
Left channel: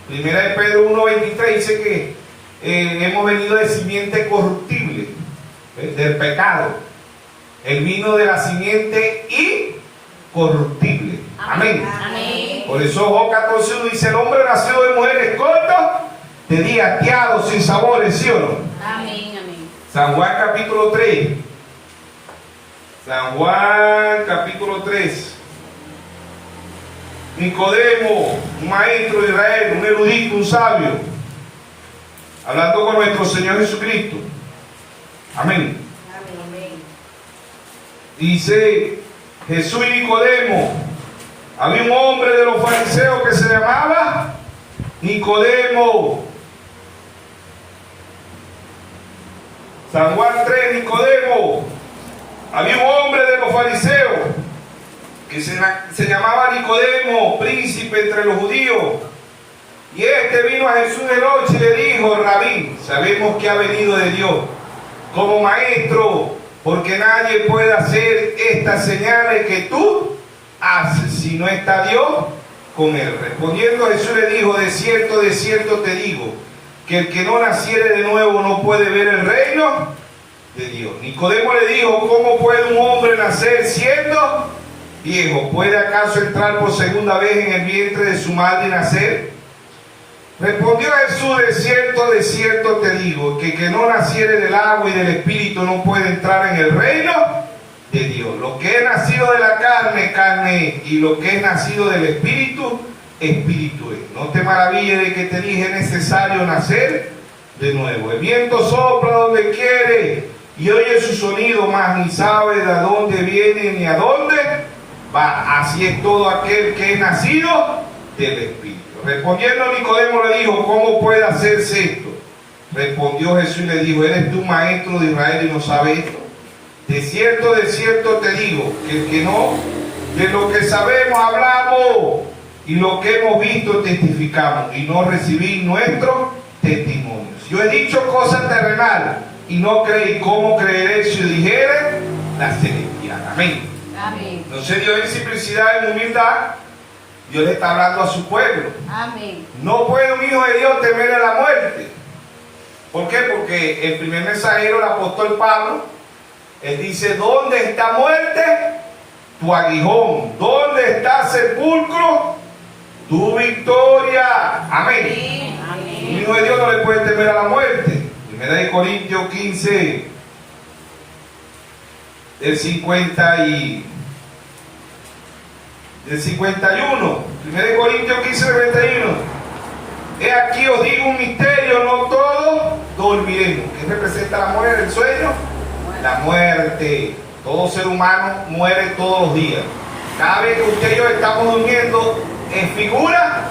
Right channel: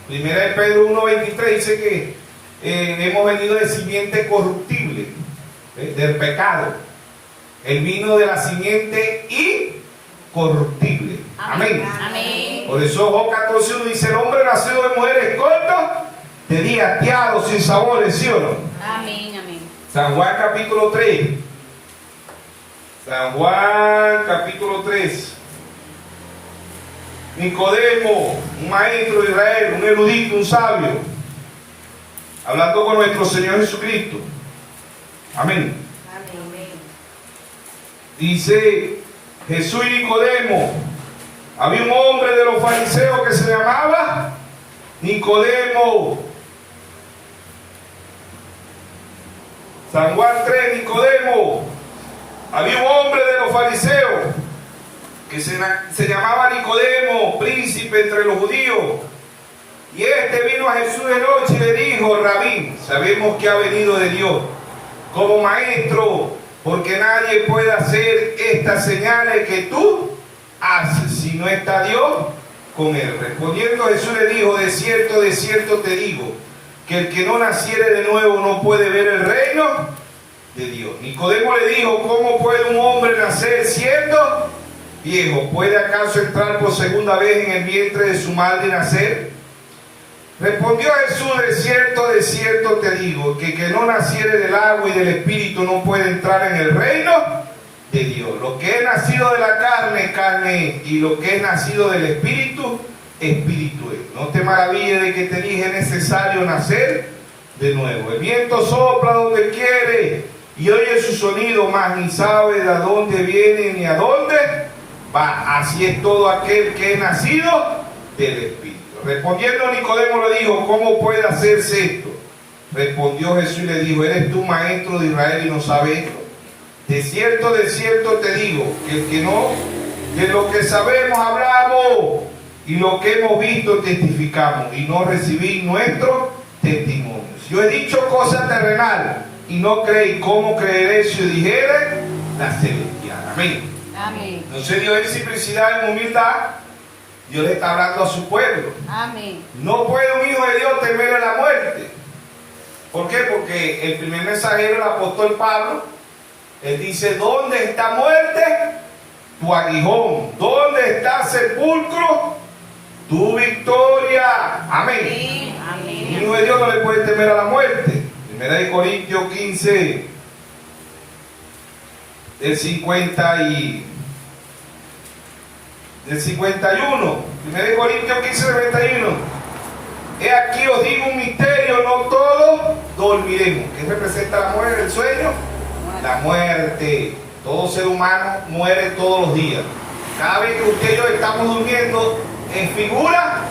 Primera de Pedro 1:23 dice que hemos venido de simiente corruptible, del pecado. Él vino de la simiente incorruptible. Amén. Amén. Por eso Job 14:1 dice: el hombre nacido de mujeres cortas, de días tiados, sin sabores, ¿sí o no? Amén. Amén. San Juan capítulo 3. San Juan capítulo 3. Nicodemo, un maestro de Israel, un erudito, un sabio, hablando con nuestro Señor Jesucristo. Amén. Amén. Dice Jesús y Nicodemo: había un hombre de los fariseos que se llamaba Nicodemo. San Juan 3, Nicodemo. Había un hombre de los fariseos que se llamaba Nicodemo, príncipe entre los judíos. Y este vino a Jesús de noche y le dijo: Rabí, sabemos que ha venido de Dios como maestro, porque nadie puede hacer estas señales que tú haces si no está Dios con él. Respondiendo Jesús le dijo: de cierto te digo, que el que no naciere de nuevo no puede ver el reino de Dios. Nicodemo le dijo: ¿cómo puede un hombre nacer siendo viejo? ¿Puede acaso entrar por segunda vez en el vientre de su madre y nacer? Respondió Jesús: de cierto te digo, que no naciere del agua y del espíritu no puede entrar en el reino de Dios. Lo que es nacido de la carne, carne es, y lo que es nacido del espíritu, espíritu es. No te maravilles de que te dije: es necesario nacer de nuevo. El viento sopla donde quiere y oye su sonido, mas ni sabe de dónde viene ni a dónde va. Así es todo aquel que es nacido del espíritu. Respondiendo Nicodemo le dijo: ¿cómo puede hacerse esto? Respondió Jesús y le dijo: ¿eres tú maestro de Israel y no sabes esto? De cierto te digo, que el que no, de lo que sabemos hablamos, y lo que hemos visto testificamos, y no recibís nuestro testimonio. Si yo he dicho cosas terrenales y no creí, ¿cómo creeré si yo dijere la celestial? Amén. Amén. Entonces Dios en simplicidad, en humildad, Dios le está hablando a su pueblo. Amén. No puede un hijo de Dios temer a la muerte. ¿Por qué? Porque el primer mensajero, el apóstol Pablo, él dice: ¿dónde está muerte? Tu aguijón. ¿Dónde está sepulcro? Tu victoria. Amén. Amén. Un hijo de Dios no le puede temer a la muerte. Primera de Corintios 15, del 51. Primera de Corintios 15, 51. He aquí os digo un misterio: no todos dormiremos. ¿Qué representa la muerte? ¿El sueño? La muerte. Todo ser humano muere todos los días. Cada vez que usted y yo estamos durmiendo, es figura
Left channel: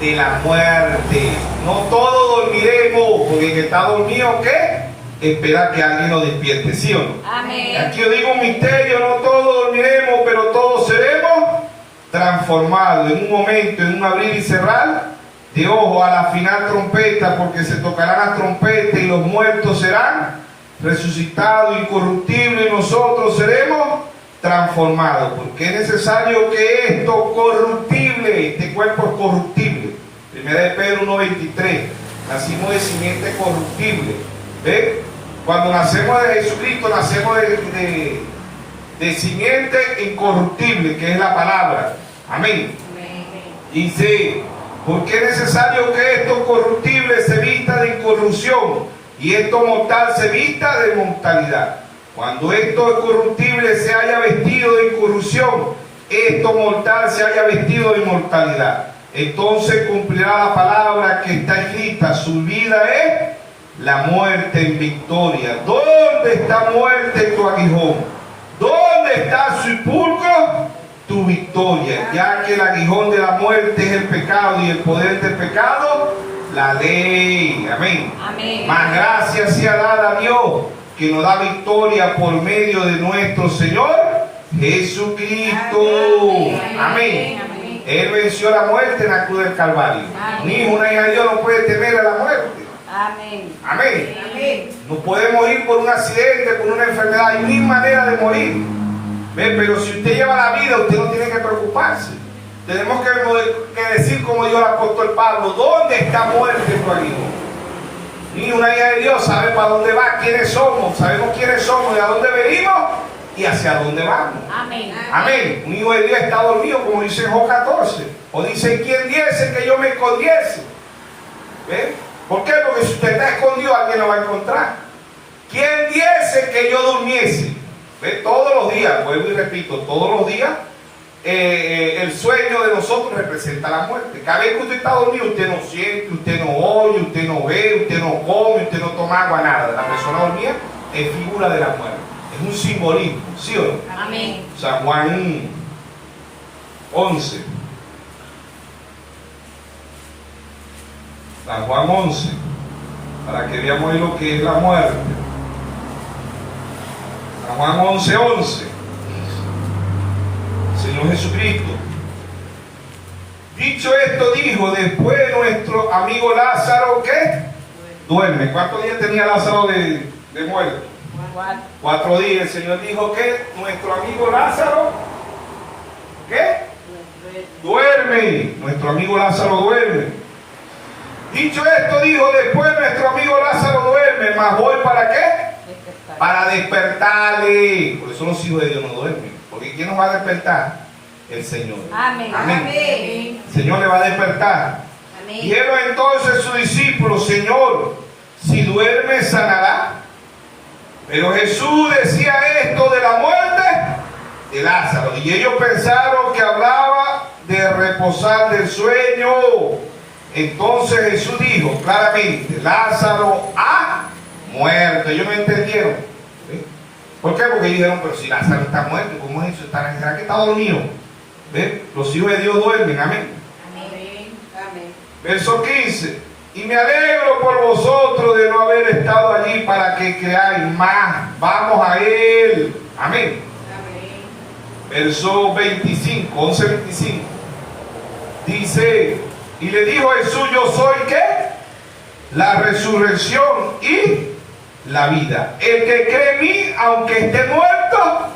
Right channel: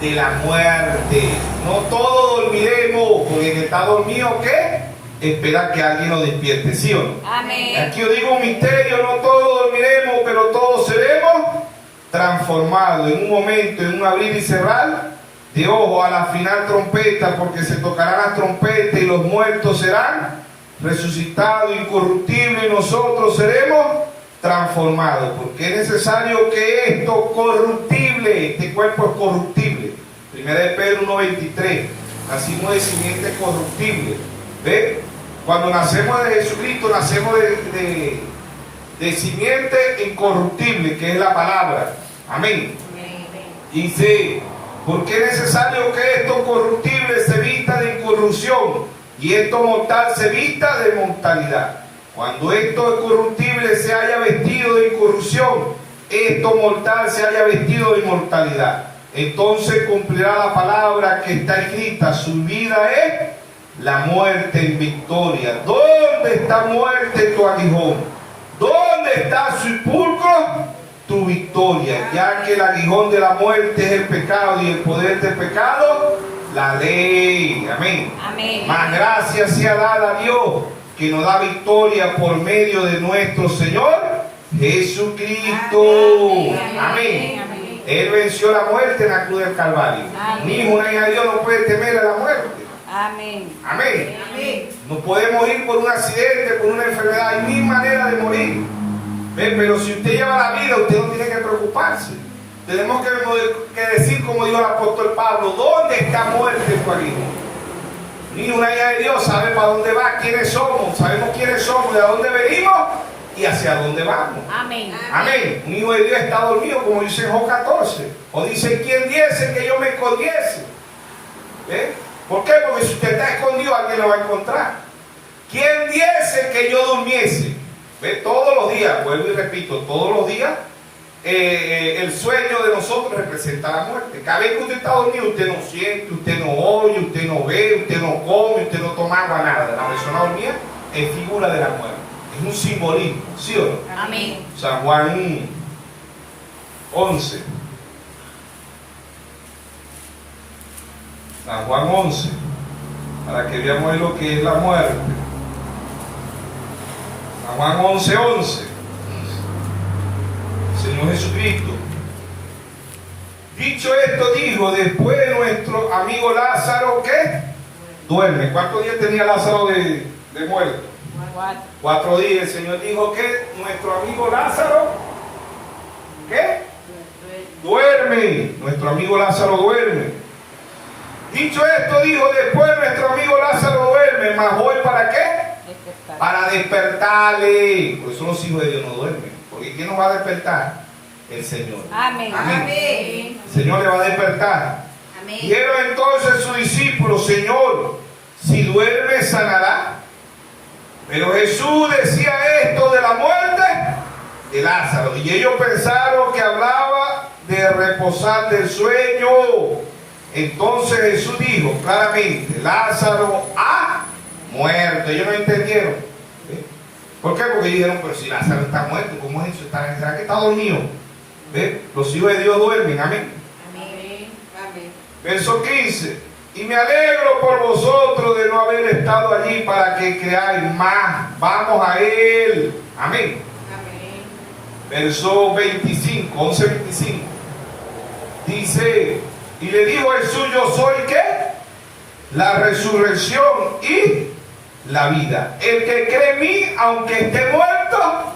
de la muerte. No todos dormiremos, porque el que está dormido, ¿qué? Espera que alguien lo despierte, ¿sí o no? Amén. Aquí os digo un misterio: no todos dormiremos, pero todos seremos transformados en un momento, en un abrir y cerrar de ojos, a la final trompeta, porque se tocarán las trompetas y los muertos serán resucitados incorruptibles, y nosotros seremos transformados, porque es necesario que esto corruptible, este cuerpo es corruptible. Primera de Pedro 1:23, nacimos de simiente corruptible. ¿Ve? Cuando nacemos de Jesucristo, nacemos de simiente incorruptible, que es la palabra. Amén. Dice: porque es necesario que esto corruptible se vista de incorrupción, y esto mortal se vista de mortalidad. Cuando esto corruptible se haya vestido de incorrupción, esto mortal se haya vestido de inmortalidad. Entonces cumplirá la palabra que está escrita: su vida es la muerte en victoria. ¿Dónde está muerte tu aguijón? ¿Dónde está su sepulcro? Tu victoria. Ya que el aguijón de la muerte es el pecado, y el poder del pecado, la ley. Amén. Amén. Más gracias sea dada a Dios, que nos da victoria por medio de nuestro Señor Jesucristo. Amén. Amén. Amén. Él venció la muerte en la cruz del Calvario. Un hijo, una hija de Dios no puede temer a la muerte. Amén. Amén. Amén. No puede morir por un accidente, por una enfermedad. Hay mil maneras de morir. ¿Ven? Pero si usted lleva la vida, usted no tiene que preocuparse. Tenemos que decir, como dijo el apóstol Pablo: ¿dónde está muerte tu aguijón? Ni una hija de Dios sabe para dónde va, quiénes somos, sabemos quiénes somos, de dónde venimos y hacia dónde vamos. Amén. Amén. Un hijo de Dios está dormido, como dice en Job 14. O dice: ¿quién diese que yo me escondiese? ¿Ven? ¿Por qué? Porque si usted está escondido, alguien lo va a encontrar. ¿Quién diese que yo durmiese? ¿Ve? Todos los días, vuelvo y repito, todos los días, el sueño de nosotros representa la muerte. Cada vez que usted está dormido, usted no siente, usted no oye, usted no ve, usted no come, usted no toma agua, nada. La persona dormida es figura de la muerte. Es un simbolismo, ¿sí o no? Amén. San Juan 11. San Juan 11, para que veamos lo que es la muerte. San Juan 11:11. Señor Jesucristo. Dicho esto, dijo: después nuestro amigo Lázaro, ¿qué? Duerme. ¿Cuántos días tenía Lázaro de muerto? 4 días. El Señor dijo que nuestro amigo Lázaro, ¿qué? Duerme. Nuestro amigo Lázaro duerme. Dicho esto, dijo: después nuestro amigo Lázaro duerme, mas voy ¿para qué? para despertarle. Por eso los hijos de Dios no duermen. Porque ¿quién nos va a despertar? El Señor. Amén. Amén. El Señor le va a despertar. Amén. Dijeron entonces sus discípulos: Señor, si duerme sanará. Pero Jesús decía esto de la muerte de Lázaro, y ellos pensaron que hablaba de reposar del sueño. Entonces Jesús dijo claramente: Lázaro ha muerto. Ellos no entendieron. ¿Ve? ¿Por qué? Porque dijeron: pero si Lázaro está muerto, ¿cómo es eso? ¿Será que está dormido? ¿Ve? Los hijos de Dios duermen. Amén. Amén. Amén. Verso 15: y me alegro por vosotros de no haber estado allí para que creáis más. Vamos a Él. Amén. Amén. Verso 25, 11:25. Dice: y le dijo Jesús: yo soy ¿qué? La resurrección y la vida. El que cree en mí, aunque esté muerto,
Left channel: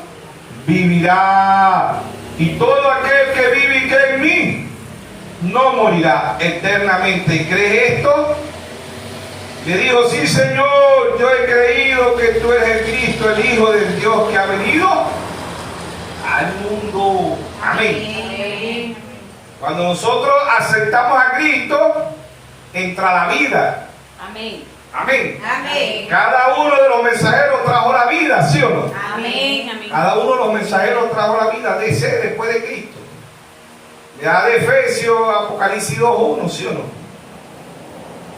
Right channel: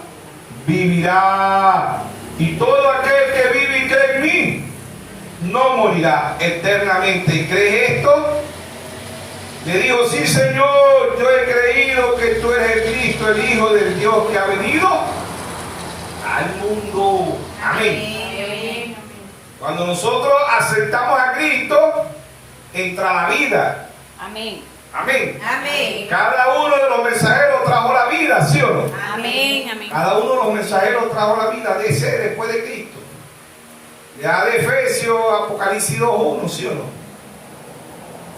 vivirá. Y todo aquel que vive y cree en mí, no morirá eternamente. ¿Crees esto? Le dijo: sí, Señor, yo he creído que tú eres el Cristo, el Hijo del Dios que ha venido al mundo. Amén. Amén. Cuando nosotros aceptamos a Cristo, entra la vida. Amén. Amén. Amén. Cada uno de los mensajeros trajo la vida, ¿sí o no? Amén. Amén. Cada uno de los mensajeros trajo la vida de ser después de Cristo. Ya de Efesios, Apocalipsis 2:1, ¿sí o no?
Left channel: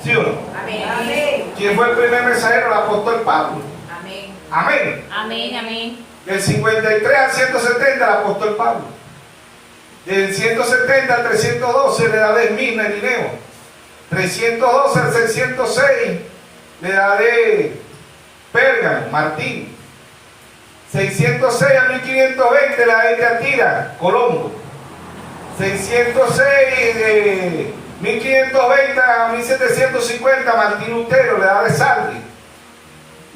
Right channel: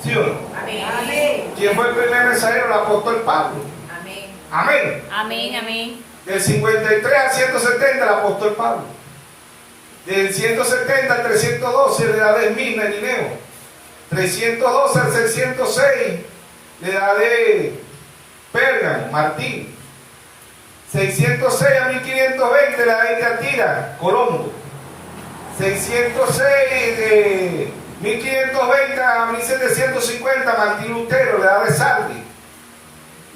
¿Sí o no? Amén. Amén. ¿Quién fue el primer mensajero? El apóstol Pablo. Amén. Amén. Amén. Amén. Del 53 al 170 el apóstol Pablo. Del 170 al 312 le da de Esmirna y Nineo. 312 al 606 le da de Pérgamo, Martín. 606 a 1520 le da de Tiatira, Colombo. 606 de 1520 a 1750 Martín Lutero, le da de Sardi.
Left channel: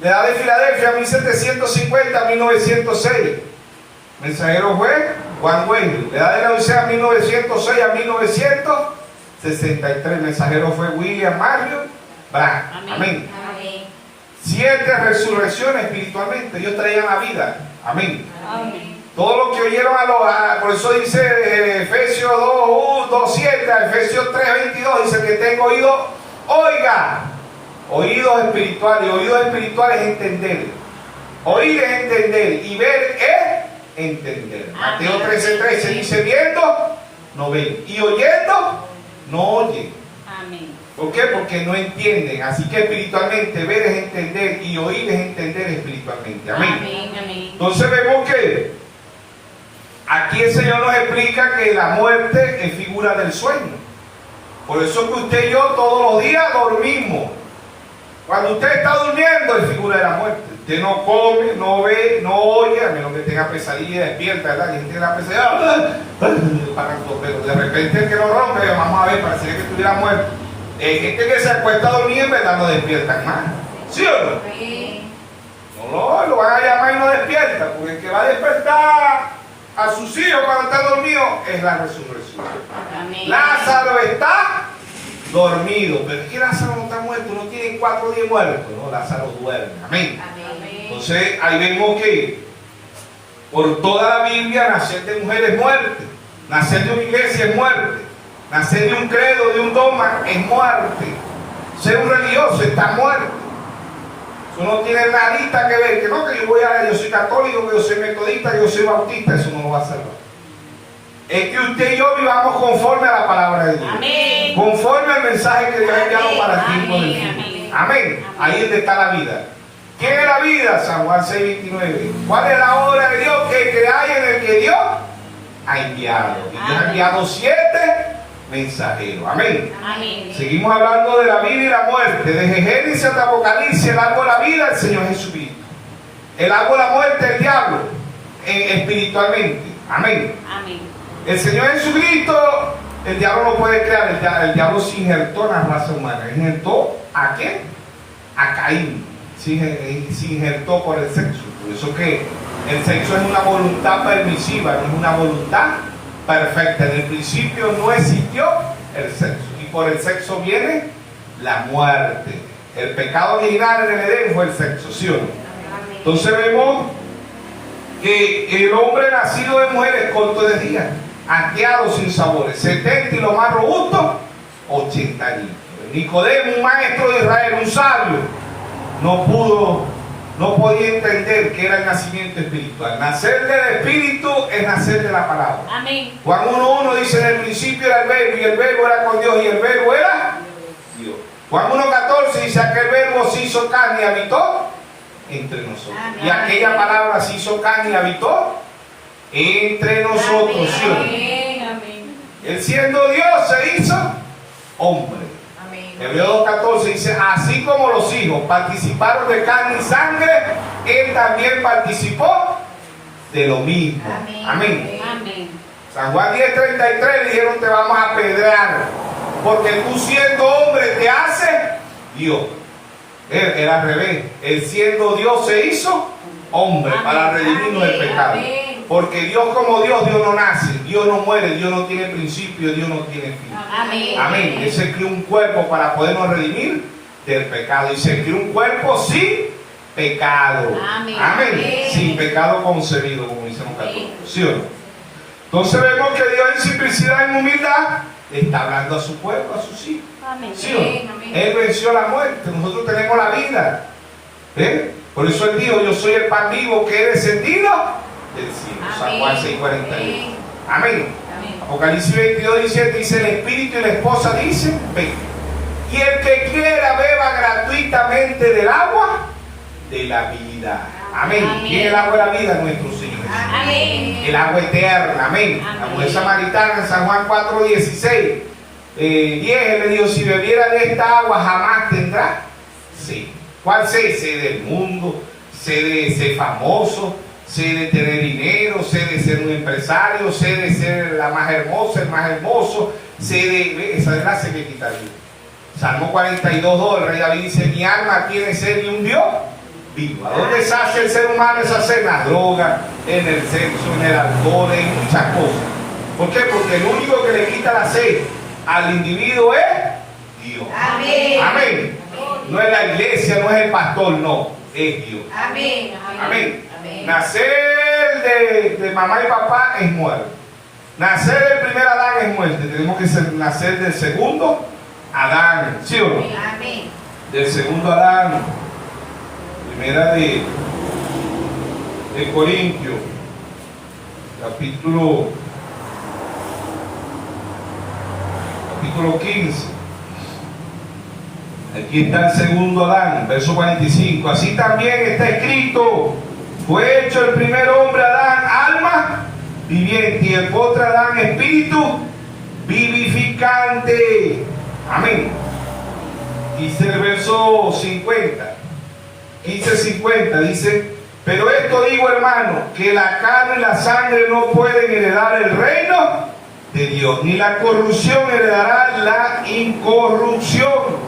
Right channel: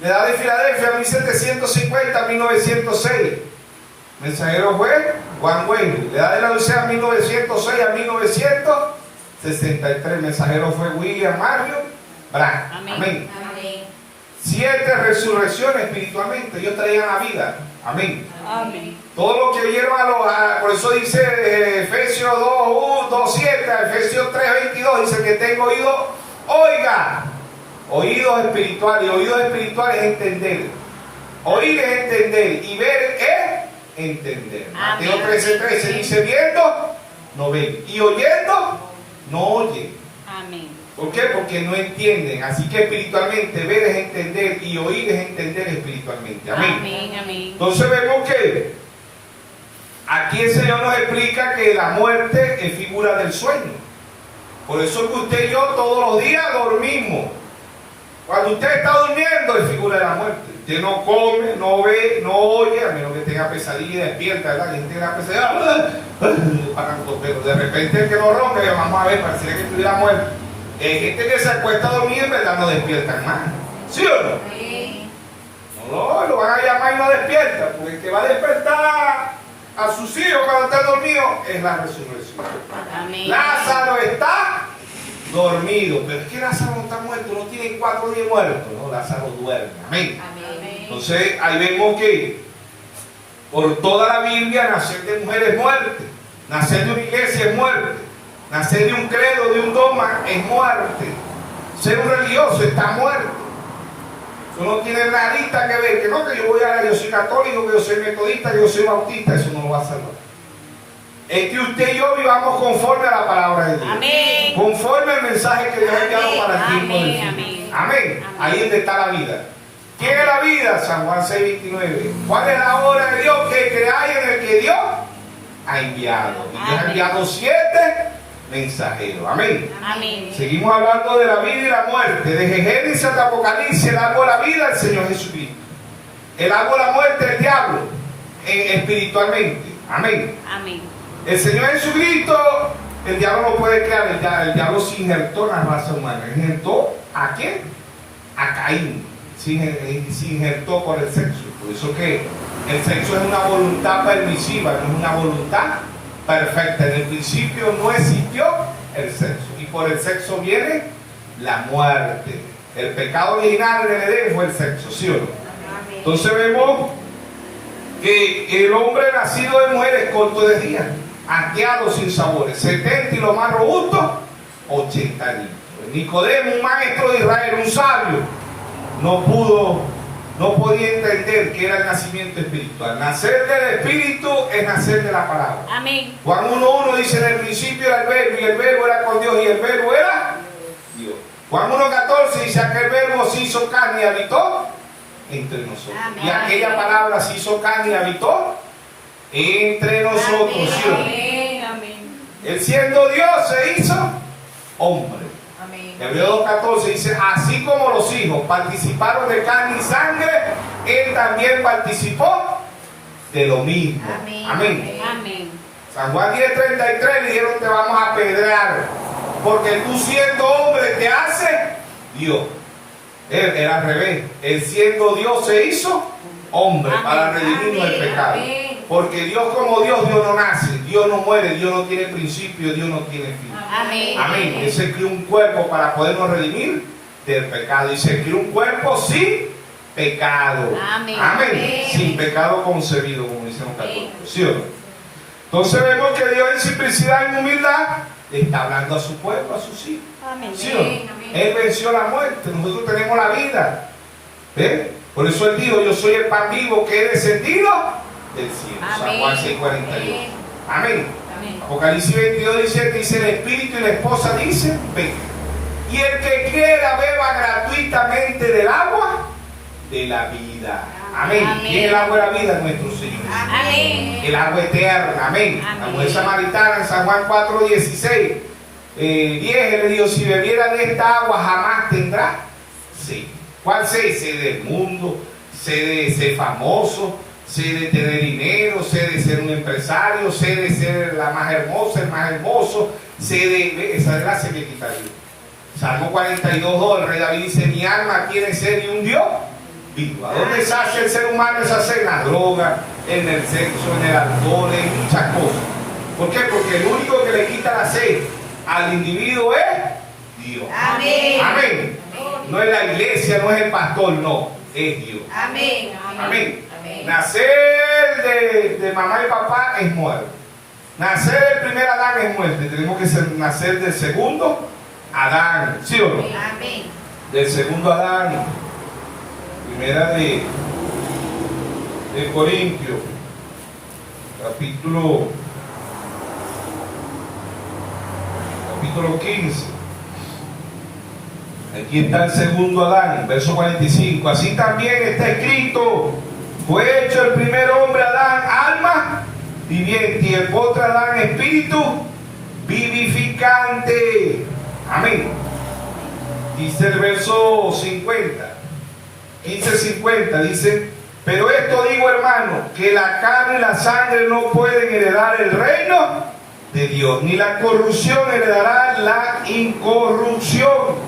Le da de Filadelfia 1750 a 1906. Mensajero fue Juan Wesley. Le da de la Odisea 1906 a 1963. Mensajero fue William Mario Branham. Amén. Amén. Amén. 7 resurrecciones espiritualmente. Ellos traían la vida. Amén. Amén. Todo lo que oyeron por eso dice Efesios 2:7 a Efesios 3:22, dice: que tengo oído, oiga. Oídos espirituales. Oídos espirituales es entender. Oír es entender. Y ver es entender. Mateo 13:13 dice: viendo, no ven. Y oyendo, no oyen. Amén. ¿Por qué? Porque no entienden. Así que espiritualmente ver es entender y oír es entender espiritualmente. Amén. Amén. Amén. Entonces vemos que aquí el Señor nos explica que la muerte es figura del sueño. Por eso que usted y yo todos los días dormimos. Cuando usted está durmiendo es figura de la muerte. Usted no come, no ve, no oye, a menos que tenga pesadilla y despierta, ¿verdad? Y tiene la pesadilla, pero de repente el que no rompe, vamos a ver, parecería que estuviera muerto. Hay gente que se acuesta a dormir y en verdad no despiertan más. ¿Sí o no? Amén. No, lo van a llamar y no despierta, porque el que va a despertar a sus hijos cuando está dormido es la resurrección. Amén. Lázaro está dormido, pero es que Lázaro no está muerto, no tiene 4 días muerto. No, Lázaro duerme. Amén. Amén. Entonces ahí vemos que por toda la Biblia nacer de mujer es muerte, nacer de una iglesia es muerte, nacer de un credo, de un dogma es muerte, ser un religioso está muerto. Eso no tiene nadita que ver, que no, que yo soy católico, que yo soy metodista, que yo soy bautista, eso no lo va a salvar. Es que usted y yo vivamos conforme a la palabra de Dios. Amén. Conforme al mensaje que Dios ha enviado para el tiempo del Amén. fin. Amén. Ahí es donde está la vida. ¿Quién es la vida? San Juan 6:29. ¿Cuál es la obra de Dios? Que creáis en el que Dios ha enviado. Y Dios ha enviado 7 mensajeros. Amén. Amén. Seguimos hablando de la vida y la muerte. Desde Génesis hasta Apocalipsis, el árbol de la vida, el Señor Jesucristo. El árbol de la muerte, el diablo, espiritualmente. Amén. Amén. El Señor Jesucristo, el diablo no puede crear. El diablo se injertó en la raza humana. ¿Injertó a quién? A Caín. Se injertó por el sexo. Por eso que el sexo es una voluntad permisiva, no es una voluntad perfecta. En el principio no existió el sexo. Y por el sexo viene la muerte. El pecado original en el Edén fue el sexo, ¿sí o no? Entonces vemos que el hombre nacido de mujer es corto de día, hastiado sin sabores, 70 y lo más robusto, 80 años. Nicodemo, un maestro de Israel, un sabio, no podía entender que era el nacimiento espiritual. Nacer del Espíritu es nacer de la palabra. Amén. Juan 1:1 dice: en el principio era el verbo, y el verbo era con Dios, y el verbo era Dios. Juan 1:14 dice: aquel verbo se hizo carne y habitó entre nosotros. Amén. Y aquella palabra se hizo carne y habitó entre nosotros. ¿Sí o no? Amén. Amén. Él siendo Dios se hizo hombre. Amén. Hebreos 2:14 dice: así como los hijos participaron de carne y sangre, él también participó de lo mismo. Amén. Amén. San Juan 10:33 le dijeron: te vamos a apedrear, porque tú siendo hombre te hace Dios. Él era al revés. Él siendo Dios se hizo hombre. Amén. Para redimirnos del Amén. pecado. Amén. Porque Dios como Dios, Dios no nace, Dios no muere, Dios no tiene principio, Dios no tiene fin. Amén. Amén. Él se creó un cuerpo para podernos redimir del pecado. Y se creó un cuerpo sin pecado. Amén. Amén. Amén. Sin pecado concebido, como dicen los Amén. católicos. ¿Sí o no? Entonces vemos que Dios en simplicidad y en humildad le está hablando a su pueblo, a sus hijos. Amén. ¿Sí o no? Él venció la muerte, nosotros tenemos la vida. Por eso Él dijo: yo soy el pan vivo que he descendido del cielo. San Juan 6:41. Amén. Amén. Apocalipsis 22:17 dice: el espíritu y la esposa dicen: ven. Y el que quiera beba gratuitamente del agua de la vida. Amén. Amén. Y el agua de la vida, nuestro Señor. Amén. El agua eterna. Amén. Amén. La mujer samaritana en San Juan 4:16. 10 él le dijo: si bebiera de esta agua jamás tendrá sed. ¿Cuál sed? Sed del mundo, sed de ser famoso, sed de tener dinero, sed de ser un empresario, sed de ser la más hermosa, el más hermoso, sed de... esa es la sed que quitaría. Salmo 42:2, el rey David dice: mi alma tiene sed de un Dios vivo. ¿A dónde sacia el ser humano esa sed? En la droga, en el sexo, en el alcohol, en muchas cosas. ¿Por qué? Porque el único que le quita la sed al individuo es Dios. Amén. Amén. No es la iglesia, no es el pastor, no, es Dios. Amén. Amén. Amén. Nacer de mamá y papá es muerte. Nacer del primer Adán es muerte. Tenemos que nacer del segundo Adán. ¿Sí o no? Amén. Del segundo Adán. Primera de Corintios, capítulo 15. Aquí está el segundo Adán, verso 45. Así también está escrito: fue hecho el primer hombre Adán, alma viviente, y el otro Adán, espíritu vivificante. Amén. Dice el verso 50, 15:50, dice: pero esto digo, hermano, que la carne y la sangre no pueden heredar el reino de Dios, ni la corrupción heredará la incorrupción.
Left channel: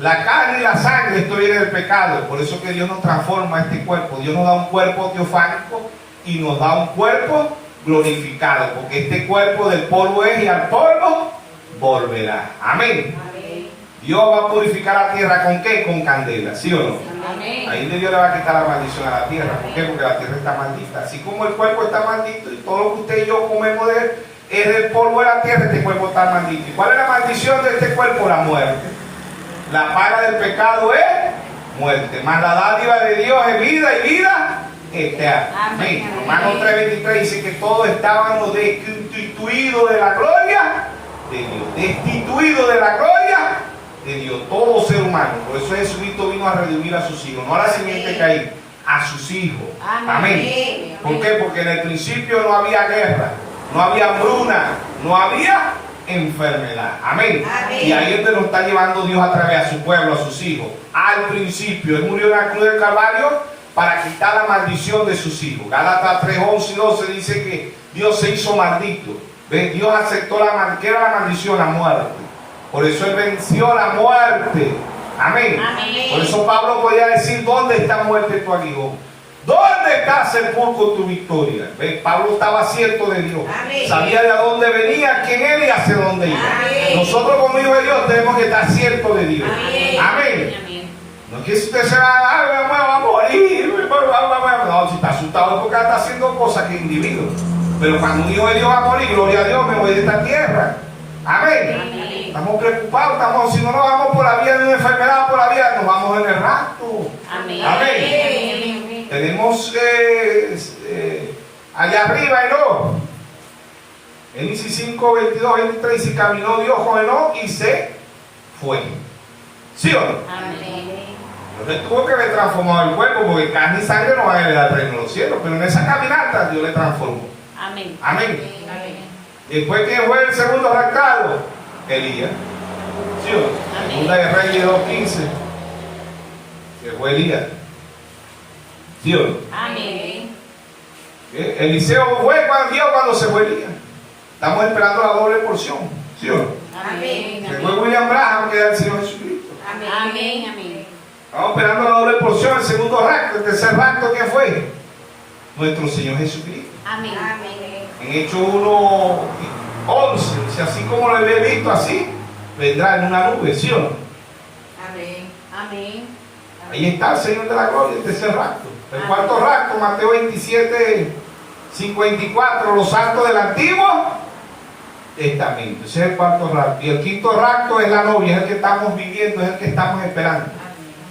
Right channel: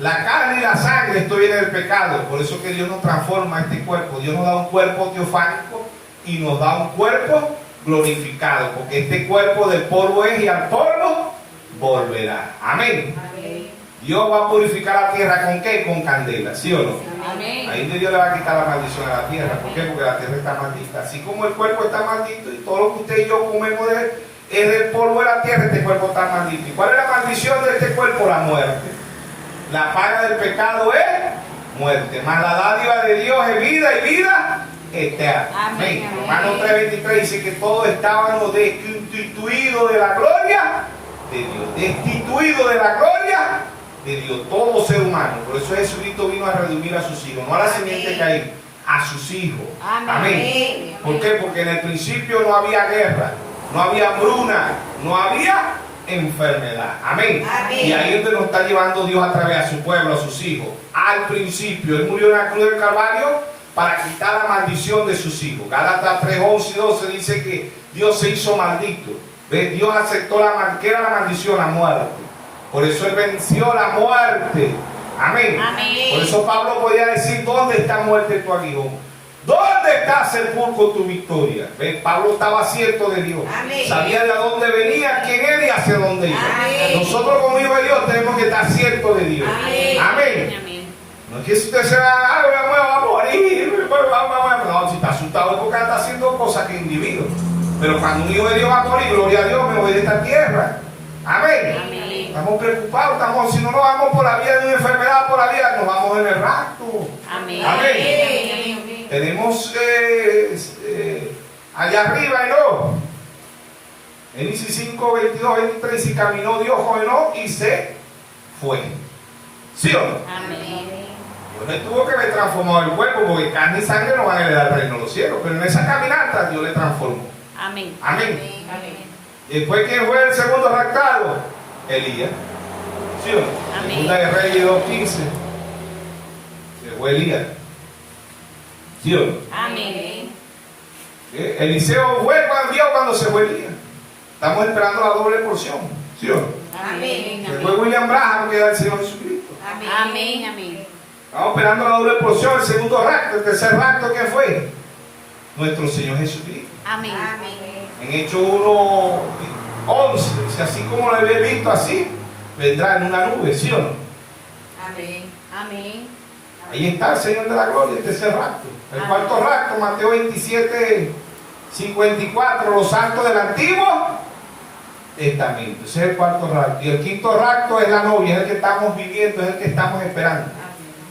La carne y la sangre, esto viene del pecado. Por eso que Dios nos transforma este cuerpo. Dios nos da un cuerpo teofánico y nos da un cuerpo glorificado, porque este cuerpo del polvo es y al polvo volverá. Amén. Amén. Dios va a purificar la tierra ¿con qué? Con candela, ¿sí o no? Amén. Ahí Dios le va a quitar la maldición a la tierra. ¿Por qué? Porque la tierra está maldita. Así como el cuerpo está maldito y todo lo que usted y yo comemos de él es del polvo de la tierra, este cuerpo está maldito. ¿Y cuál es la maldición de este cuerpo? La muerte. La paga del pecado es muerte. Mas la dádiva de Dios es vida y vida eterna. Amén. Romanos 3:23 dice que todos estábamos destituidos de la gloria de Dios. Destituidos de la gloria de Dios, todo ser humano. Por eso Jesucristo vino a redimir a sus hijos, no a la simiente caída, a sus hijos. Amén. ¿Por qué? Porque en el principio no había guerra, no había hambruna, no había enfermedad. Amén. Y ahí es donde nos está llevando Dios a través a su pueblo, a sus hijos. Al principio, Él murió en la cruz del Calvario para quitar la maldición de sus hijos. Gálatas 3:11 y 12 dice que Dios se hizo maldito. ¿Ves? Dios aceptó ¿qué era la maldición? La muerte. Por eso Él venció la muerte. Amén. Amén. Por eso Pablo podía decir: ¿dónde está muerte tu aguijón? ¿Dónde está sepulcro tu victoria? ¿Ves? Pablo estaba cierto de Dios. Amén. Sabía de dónde venía, quién era y hacia dónde iba. Amén. Nosotros como hijos de Dios tenemos que estar ciertos de Dios. Amén. Amén. Amén. No No es que si usted se va, me va a morir. No, si está asustado es porque está haciendo cosas que individuo. Pero cuando un hijo de Dios va a morir, gloria a Dios, me voy de esta tierra. Amén. Amén. Estamos preocupados, si no nos vamos por la vía de una enfermedad, por la vía, nos vamos en el rapto. Amén. Amén. Tenemos allá arriba Enoc. Génesis 5, 22, 23, y caminó Dios con Enoc y se fue. ¿Sí o no? Amén. Dios le tuvo que haber transformado el cuerpo, porque carne y sangre no van a heredar el reino de los cielos, pero en esa caminata Dios le transformó. Amén. Amén. Amén. Después, ¿quién fue el segundo raptado? Elías. ¿Sí o no? Amén. Segunda de Reyes 2:15. Se fue Elías. ¿Sí o no? Amén. Eliseo fue cuando se fue Elías. Estamos esperando la doble porción. ¿Sí o no? Amén. Se fue William Branham, que era el Señor Jesucristo. Amén. Amén. Estamos esperando la doble porción, el segundo rapto. El tercer rapto, ¿quién fue? Nuestro Señor Jesucristo. Amén. En Hechos 1:11, si así como lo había visto así, vendrá en una nube, ¿sí o no? Amén. Amén. Ahí está el Señor de la Gloria, el tercer rapto. El cuarto rapto, Mateo 27:54, los santos del Antiguo Testamento. Ese es el cuarto rapto. Y el quinto rapto es la novia, es el que estamos viviendo, es el que estamos esperando.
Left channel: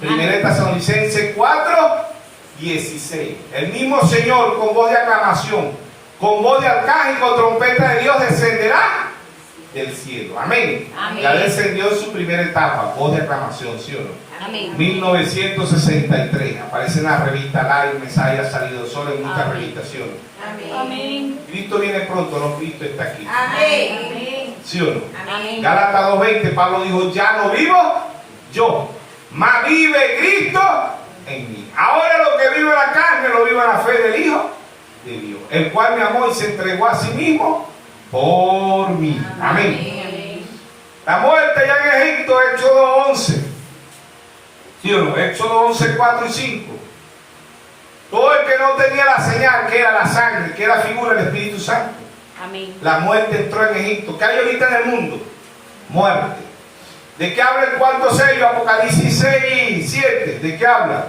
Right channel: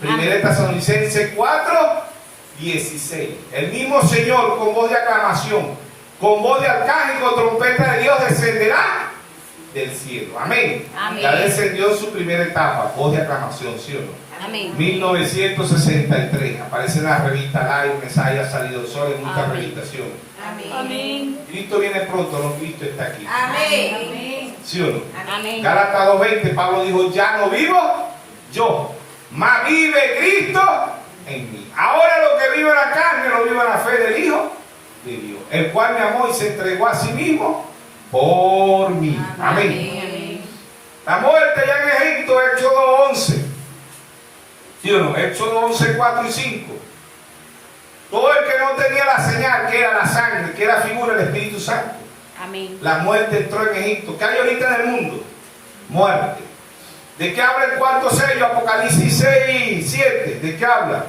Primera de Tesalonicenses 4:16. El mismo Señor, con voz de aclamación, con voz de arcángel y con trompeta de Dios, descenderá del cielo. Amén. Amén. Ya descendió en su primera etapa, voz de aclamación, ¿sí o no? Amén. 1963. Aparece en la revista Live, Mensaje ha salido solo en muchas Amén. revistaciones. Amén. Cristo viene pronto, no, Cristo está aquí. Amén. ¿Sí o no? Amén. Gálatas 2:20, Pablo dijo, ya no vivo yo, mas vive Cristo en mí. Ahora lo que vivo en la carne, lo vivo en la fe del Hijo de Dios, el cual me amó y se entregó a sí mismo por mí. Amén. La muerte ya en Egipto, Éxodo 11. ¿Sí o no? Éxodo 11, 4 y 5. Todo el que no tenía la señal, que era la sangre, que era figura del Espíritu Santo. Amén. La muerte entró en Egipto. ¿Qué hay ahorita en el mundo? Muerte. ¿De qué habla el cuarto sello? Apocalipsis 6, 7. ¿De qué habla?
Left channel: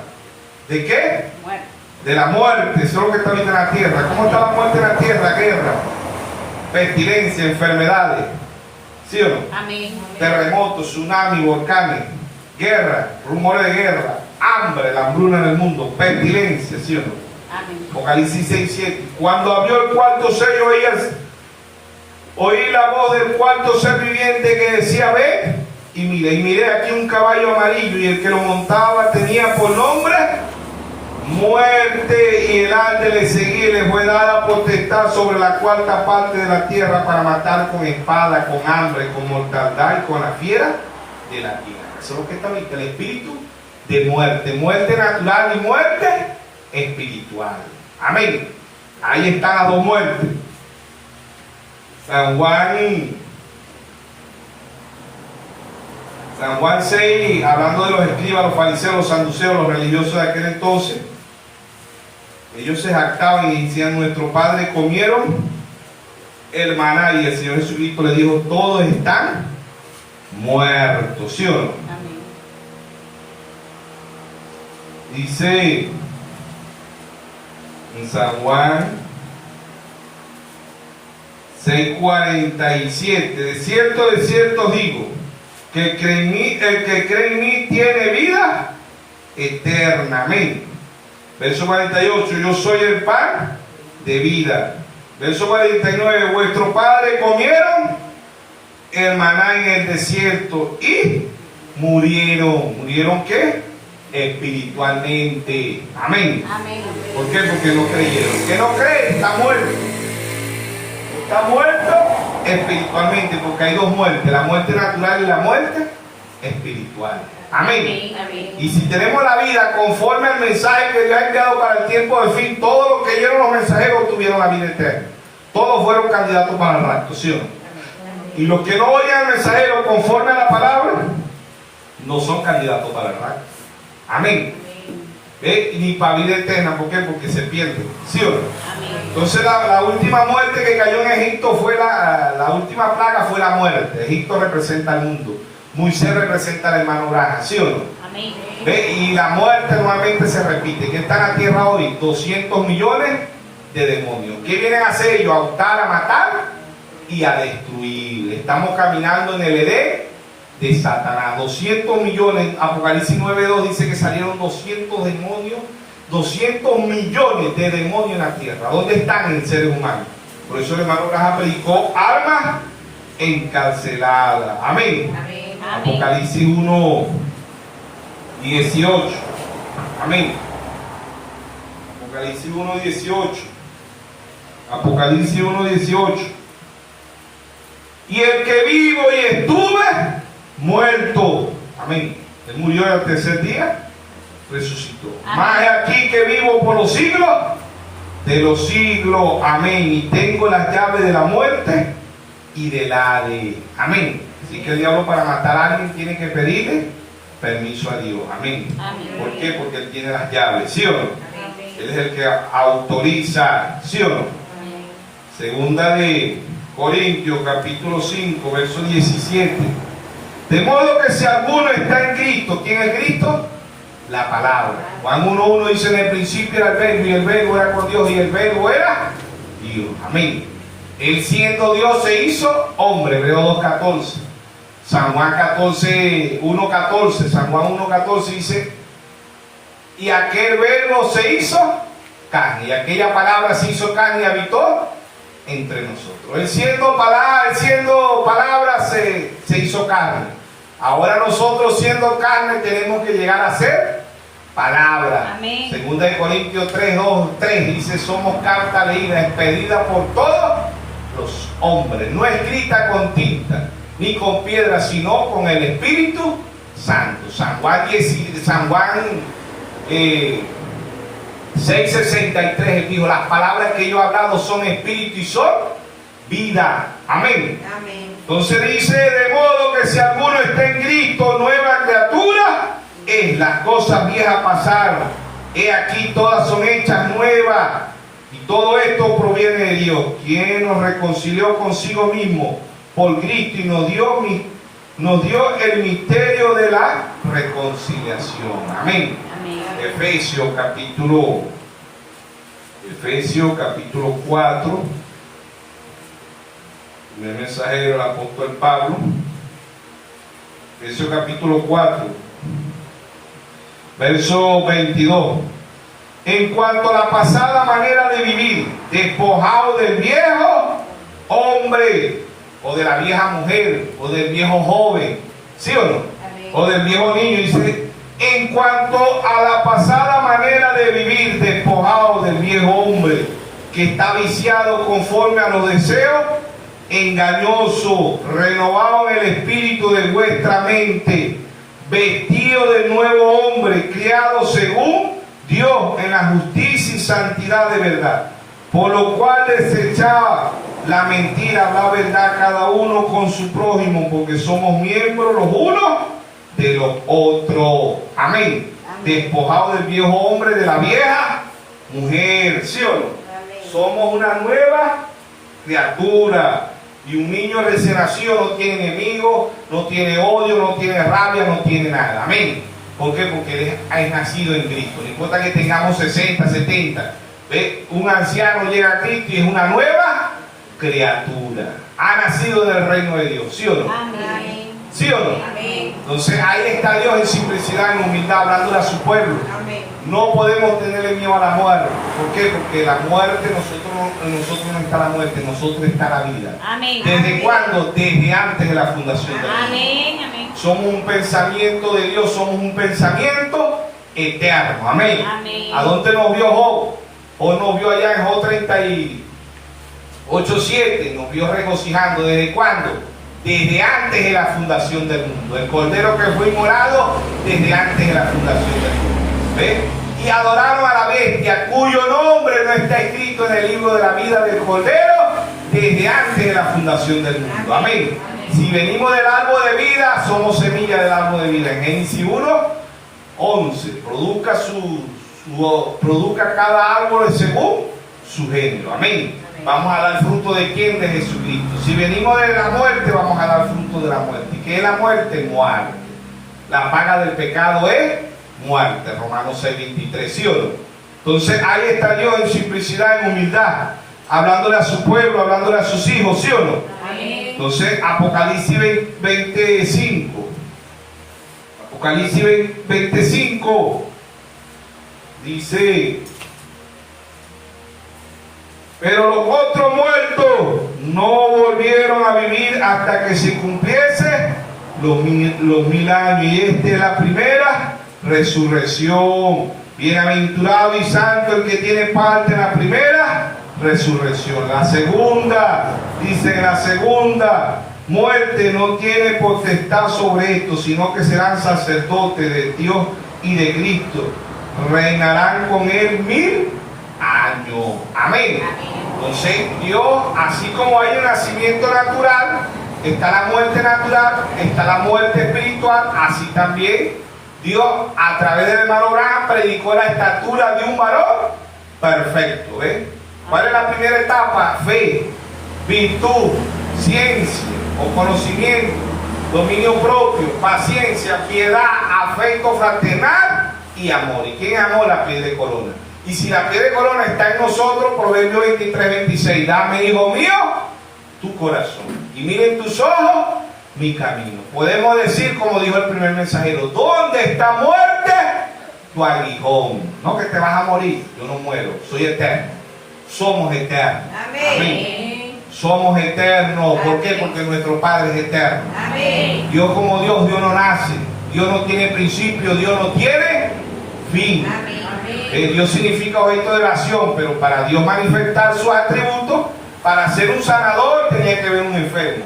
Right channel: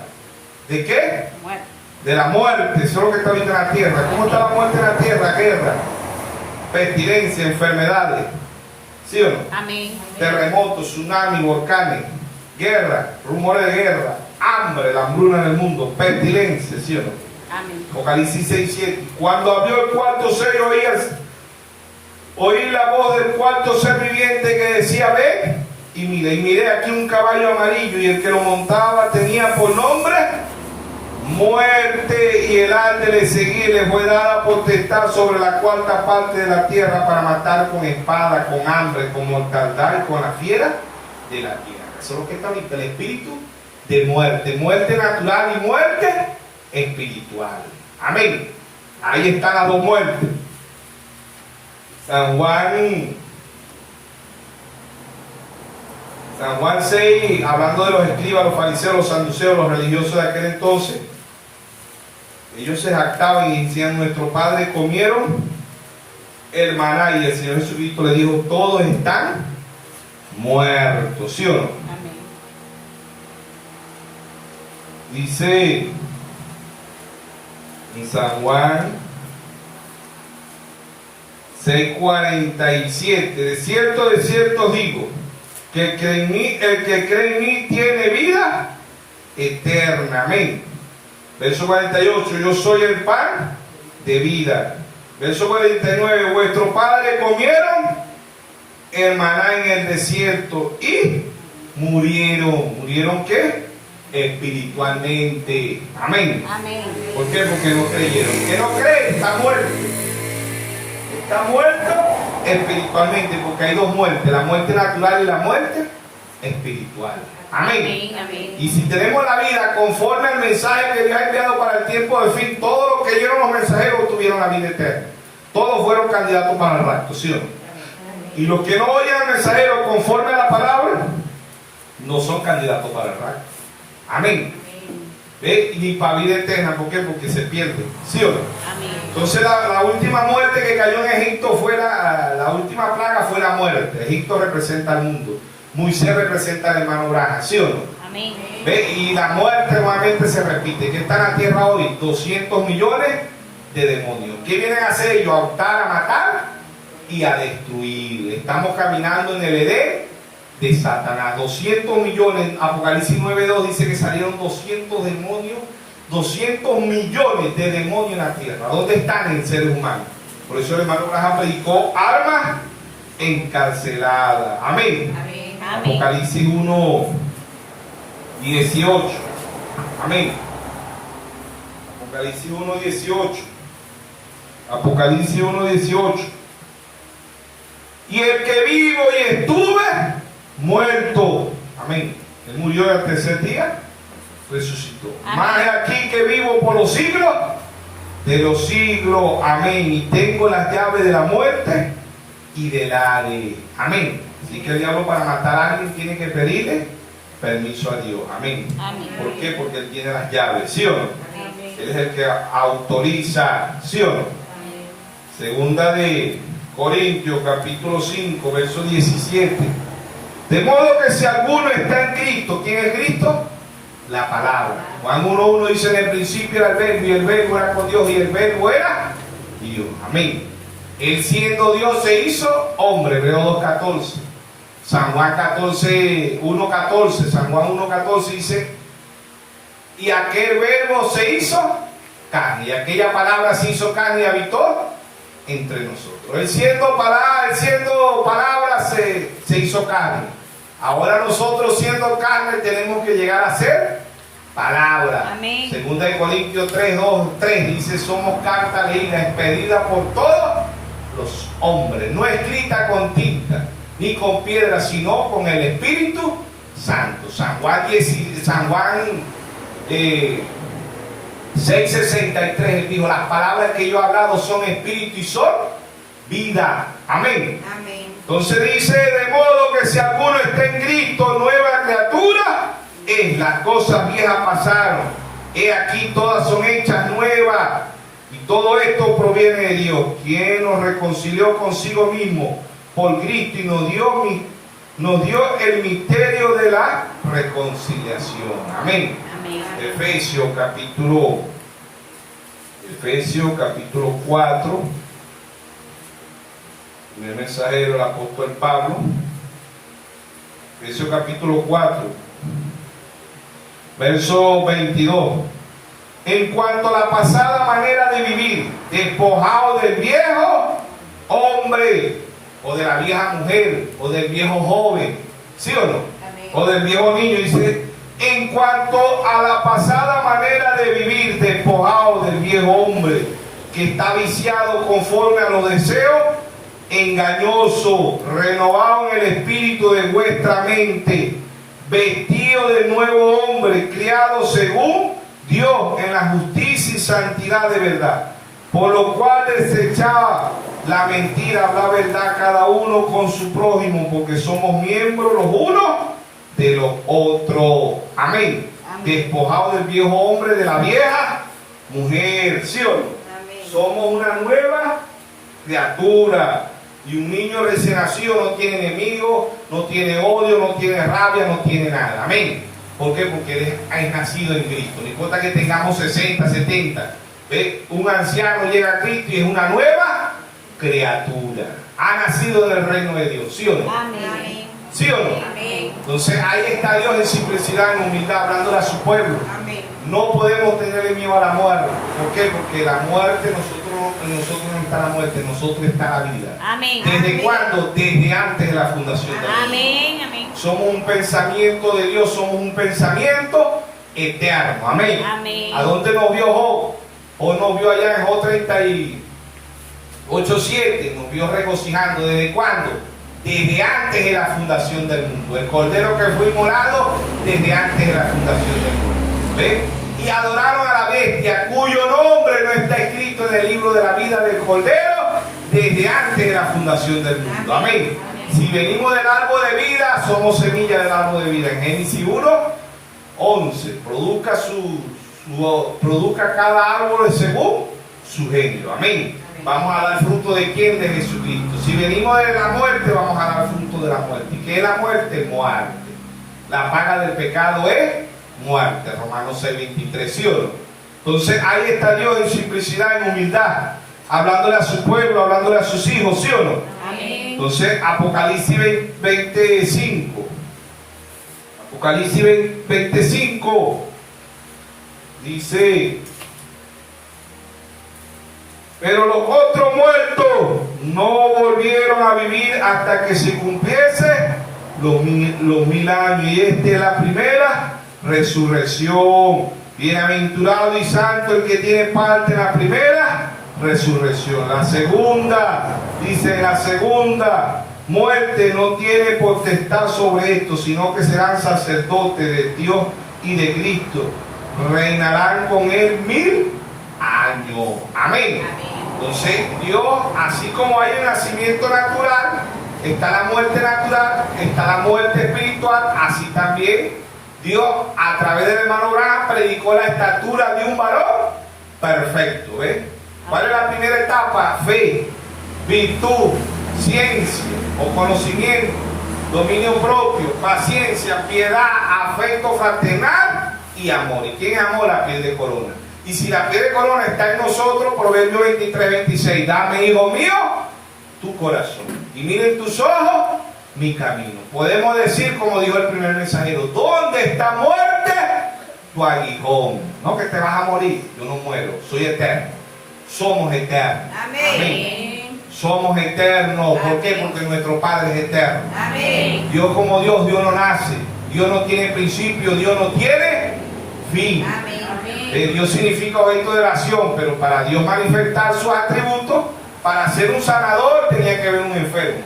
¿De qué? Muerte. De la muerte. Eso es lo que está ahorita en la tierra. ¿Cómo está la muerte en la tierra? Guerra, pestilencia, enfermedades. ¿Sí o no? Amén. Terremotos, tsunamis, volcanes, guerra, rumores de guerra, hambre, la hambruna en el mundo, pestilencia, ¿sí o no? Amén. Apocalipsis 6, 7. Cuando abrió el cuarto sello, oí la voz del cuarto ser viviente que decía, ve, y miré aquí un caballo amarillo, y el que lo montaba tenía por nombre Muerte, y el ángel le seguía y le fue dada potestad sobre la cuarta parte de la tierra para matar con espada, con hambre, con mortandad y con la fiera de la tierra. Eso es lo que está ahorita, el espíritu de muerte, muerte natural y muerte espiritual. Amén. Ahí están las dos muertes. San Juan 6, hablando de los escribas, los fariseos, los saduceos, los religiosos de aquel entonces. Ellos se jactaban y decían, nuestros padres comieron el maná, y el Señor Jesucristo le dijo, todos están muertos, ¿sí o no? Amén. Dice en San Juan 6:47, de cierto digo, que el que cree en mí tiene vida eterna. Amén. Verso 48, yo soy el pan de vida. Verso 49, vuestros padres comieron el maná en el desierto y murieron. ¿Murieron qué? Espiritualmente. Amén. Amén. ¿Por qué? Porque no creyeron. El que no cree está muerto. Está muerto espiritualmente, porque hay dos muertes, la muerte natural y la muerte espiritual. Amén. Amén. Y si tenemos la vida conforme al mensaje que Dios ha enviado para el tiempo del fin, todos los que oyeron los mensajeros tuvieron la vida eterna. Todos fueron candidatos para el rapto, ¿sí o no? Y los que no oyen al mensajero conforme a la palabra, no son candidatos para el rapto. Amén. ¿Ve? Ni para vida eterna. ¿Por qué? Porque se pierde, ¿sí o no? Amén. Entonces la última muerte que cayó en Egipto fue la última plaga fue la muerte. Egipto representa al mundo. Moisés representa al hermano Abraham, ¿sí o no? Amén. ¿Ve? Y la muerte nuevamente se repite. ¿Qué está en la tierra hoy? 200 millones de demonios. ¿Qué vienen a hacer ellos? A hurtar, a matar y a destruir. Estamos caminando en el Edén de Satanás. 200 millones. Apocalipsis 9:2 dice que salieron 200 demonios, 200 millones de demonios en la tierra. ¿Dónde están en seres humanos? Por eso el hermano Abraham predicó almas encarceladas. Amén. Amén. Apocalipsis 1:18. Amén. Apocalipsis 1:18. Apocalipsis 1:18. Y el que vivo y estuve muerto. Amén. Él murió al tercer día, resucitó. Amén. Más aquí que vivo por los siglos de los siglos. Amén. Y tengo las llaves de la muerte y del Hades. Amén. Así que el diablo, para matar a alguien, tiene que pedirle permiso a Dios. Amén. Amén. ¿Por qué? Porque Él tiene las llaves, ¿sí o no? Amén. Él es el que autoriza, ¿sí o no? Amén. Segunda de Corintios, capítulo 5, verso 17. De modo que si alguno está en Cristo, ¿quién es Cristo? La palabra. Juan 1:1 dice: en el principio era el verbo, y el verbo era con Dios, y el verbo era Dios. Amén. Él, siendo Dios, se hizo hombre. Hebreo 2:14. San Juan 1:14. San Juan 1:14 dice: y aquel verbo se hizo carne, y aquella palabra se hizo carne y habitó entre nosotros. Él siendo palabra se hizo carne. Ahora nosotros, siendo carne, tenemos que llegar a ser palabra. Amén. Segunda de Corintios 3:2-3 dice: somos carta leída, expedida por todos los hombres, no escrita con tinta ni con piedra, sino con el Espíritu Santo. San Juan 6:63, él dijo: las palabras que yo he hablado son espíritu y son vida. Amén. Amén. Entonces dice: de modo que si alguno está en Cristo, nueva criatura es. Las cosas viejas pasaron, he aquí todas son hechas nuevas. Y todo esto proviene de Dios, quien nos reconcilió consigo mismo por Cristo y nos dio el misterio de la reconciliación. Amén. Amén. Efesios capítulo 4, el mensajero, el apóstol Pablo. Efesios capítulo 4, verso 22. En cuanto a la pasada manera de vivir, despojado del viejo hombre, o de la vieja mujer, o del viejo joven, ¿sí o no? Amén. O del viejo niño. Dice: en cuanto a la pasada manera de vivir, despojado del viejo hombre, que está viciado conforme a los deseos engañosos, renovado en el espíritu de vuestra mente, vestido del nuevo hombre, criado según Dios en la justicia y santidad de verdad, por lo cual desechaba la mentira, la verdad, cada uno con su prójimo, porque somos miembros los unos de los otros. Amén. Amén. Despojado del viejo hombre, de la vieja mujer, ¿sí o no? Amén. Somos una nueva criatura. Y un niño recién nacido no tiene enemigos, no tiene odio, no tiene rabia, no tiene nada. Amén. ¿Por qué? Porque él es nacido en Cristo. No importa que tengamos 60, 70. ¿Ve? Un anciano llega a Cristo y es una nueva criatura. Ha nacido del reino de Dios, ¿sí o no? Amén. ¿Sí o no? Amén. Entonces ahí está Dios en simplicidad, en humildad, hablándole a su pueblo. Amén. No podemos tenerle miedo a la muerte. ¿Por qué? Porque la muerte, nosotros no está la muerte, nosotros está la vida. Amén. ¿Desde Amén. cuándo? Desde antes de la fundación del mundo. Amén. Amén. Somos un pensamiento de Dios, somos un pensamiento eterno. Amén. Amén. ¿A dónde nos vio Job? Job nos vio allá en Job 38:7, nos vio regocijando. ¿Desde cuándo? Desde antes de la fundación del mundo. El cordero que fue inmolado desde antes de la fundación del mundo. ¿Ven? Y adoraron a la bestia, cuyo nombre no está escrito en el libro de la vida del cordero desde antes de la fundación del mundo. Amén. Si venimos del árbol de vida, somos semilla del árbol de vida. En Génesis 1:11, produzca cada árbol según su género. Amén. Vamos a dar fruto de quién? De Jesucristo. Si venimos de la muerte, vamos a dar fruto de la muerte. ¿Y qué es la muerte? Muerte. La paga del pecado es muerte. Romanos 6:23, ¿sí o no? Entonces ahí está Dios en simplicidad, en humildad, hablándole a su pueblo, hablándole a sus hijos, ¿sí o no? Amén. Entonces Apocalipsis 25. Apocalipsis 25 dice: pero los otros muertos no volvieron a vivir hasta que se cumpliese los 1000 años. Y esta es la primera resurrección. Bienaventurado y santo el que tiene parte en la primera resurrección. La segunda, dice, la segunda muerte no tiene potestad sobre esto, sino que serán sacerdotes de Dios y de Cristo. Reinarán con él 1000 años. Amén. Entonces Dios, así como hay el nacimiento natural, está la muerte natural, está la muerte espiritual, así también Dios a través del hermano Abraham predicó la estatura de un varón perfecto. ¿Cuál es la primera etapa? Fe, virtud, ciencia o conocimiento, dominio propio, paciencia, piedad, afecto fraternal y amor. ¿Y quién amó la piel de corona? Y si la piel de corona está en nosotros, Proverbios 23:26, dame, hijo mío, tu corazón, y miren tus ojos mi camino. Podemos decir, como dijo el primer mensajero, ¿dónde está muerte? Tu aguijón. No que te vas a morir, yo no muero, soy eterno. Somos eternos. Amén. Amén. Somos eternos. ¿Por qué? Porque nuestro Padre es eterno. Amén. Dios como Dios, Dios no nace. Dios no tiene principio, Dios no tiene fin. Amén. Dios significa objeto de oración, pero para Dios manifestar sus atributos, para ser un sanador tenía que haber un enfermo.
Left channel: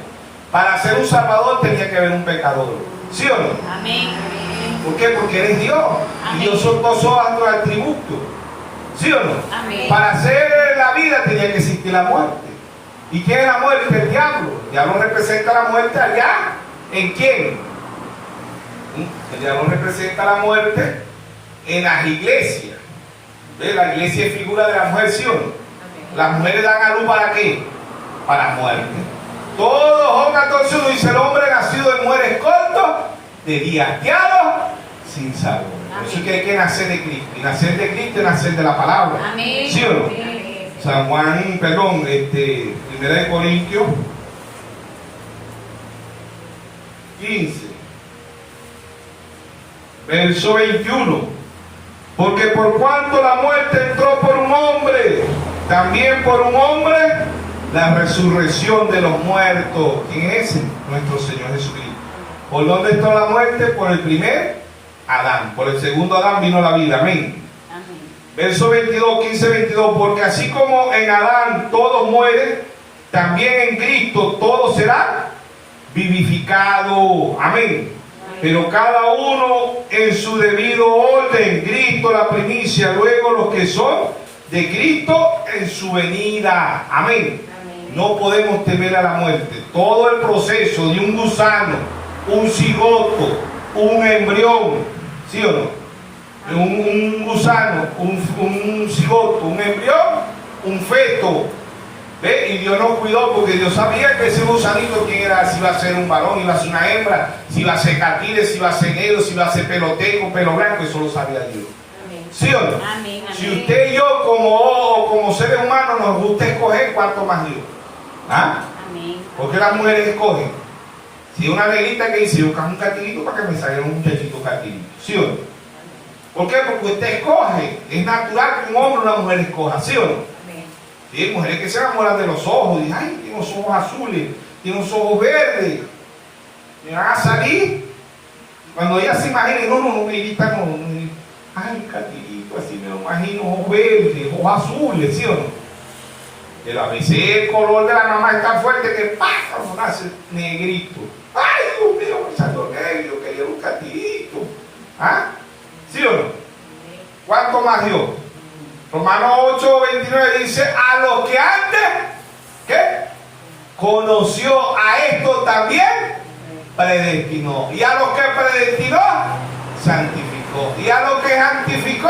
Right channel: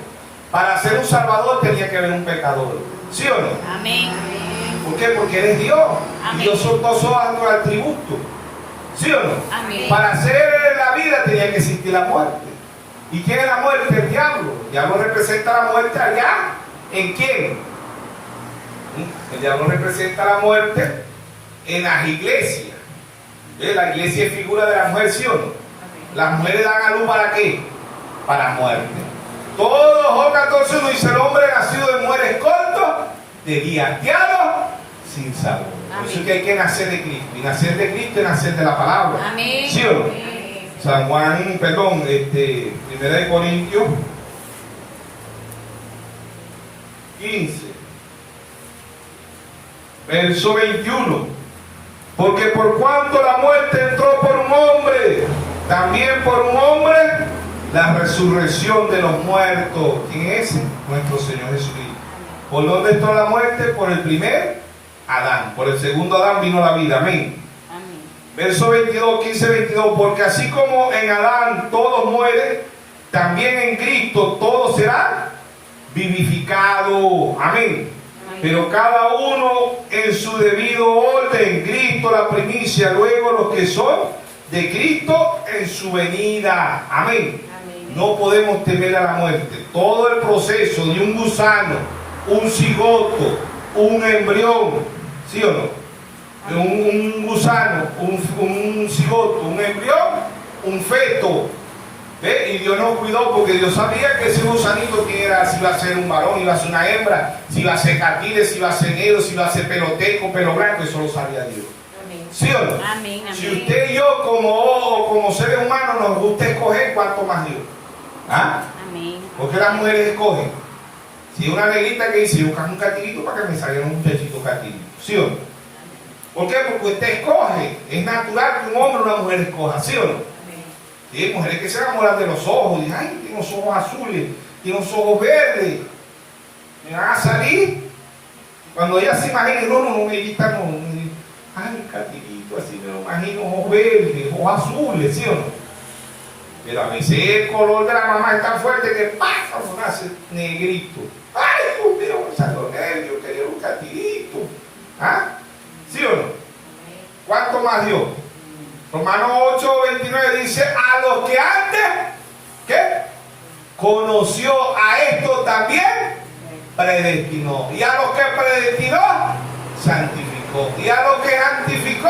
Para ser un salvador tenía que haber un pecador. ¿Sí o no? Amén. ¿Por qué? Porque eres Dios. Amén. Y Dios son dos hojas de atributos. ¿Sí o no? Amén. Para hacer la vida tenía que existir la muerte. ¿Y quién es la muerte? El diablo. El diablo representa la muerte allá. ¿En quién? El diablo representa la muerte en las iglesias. ¿Ve? La iglesia es figura de la mujer, ¿sí o no? Las mujeres dan a luz ¿para qué? Para muerte. Todo Job 14:1 dice: el hombre nacido de mujer es corto, de día hastiado, sin sabor. Por eso es que hay que nacer de Cristo. Y nacer de Cristo es nacer de la palabra. Amén. ¿Sí o no? Amén. San Juan, perdón, 1 de Corintios 15, verso 21. Porque por cuanto la muerte entró por un hombre, también por un hombre la resurrección de los muertos. ¿Quién es ese? Nuestro Señor Jesucristo. ¿Por dónde entró la muerte? Por el primer Adán. Por el segundo Adán vino la vida. Amén. Amén. Verso 22, 15-22. Porque así como en Adán todos mueren, también en Cristo todos serán vivificados. Amén. Pero cada uno en su debido orden. Cristo la primicia, luego los que son de Cristo en su venida. Amén. No podemos temer a la muerte. Todo el proceso de un gusano, un cigoto, un embrión, ¿sí o no? Un gusano, un cigoto, un embrión, un feto. ¿Ve? Y Dios nos cuidó porque Dios sabía que ese gusanito quién era, si iba a ser un varón, iba a ser una hembra, si iba a ser catire, si iba a ser negro, si iba a ser peloteco, pelo blanco, eso lo sabía Dios. Amén. ¿Sí o no? Amén. Si usted y yo como seres humanos nos gusta escoger, ¿cuánto más Dios? ¿Ah? Amén. Porque las mujeres escogen. Si una negrita que dice, yo busco un catirito para que me salga un muchachito catirito. ¿Sí o no? ¿Por qué? Porque usted escoge. Es natural que un hombre o una mujer escoja. ¿Sí o no? Y hay mujeres que se enamoran de los ojos, dicen, ay, tiene los ojos azules, tiene los ojos verdes, me van a salir. Cuando ella se imagina, no, negrita, no, ay, catirito, así me lo imagino, ojos verdes, ojos azules, ¿sí o no? Pero a veces el color de la mamá es tan fuerte que ¡pasa! Uno nace negrito. ¡Ay, Dios mío, me salió negro, quería un catirito! ¿Ah? ¿Sí o no? ¿Cuánto más Dios? Romanos 8:29 dice: a los que antes, ¿qué? Conoció, a esto también predestinó. Y a los que predestinó, santificó. Y a los que santificó,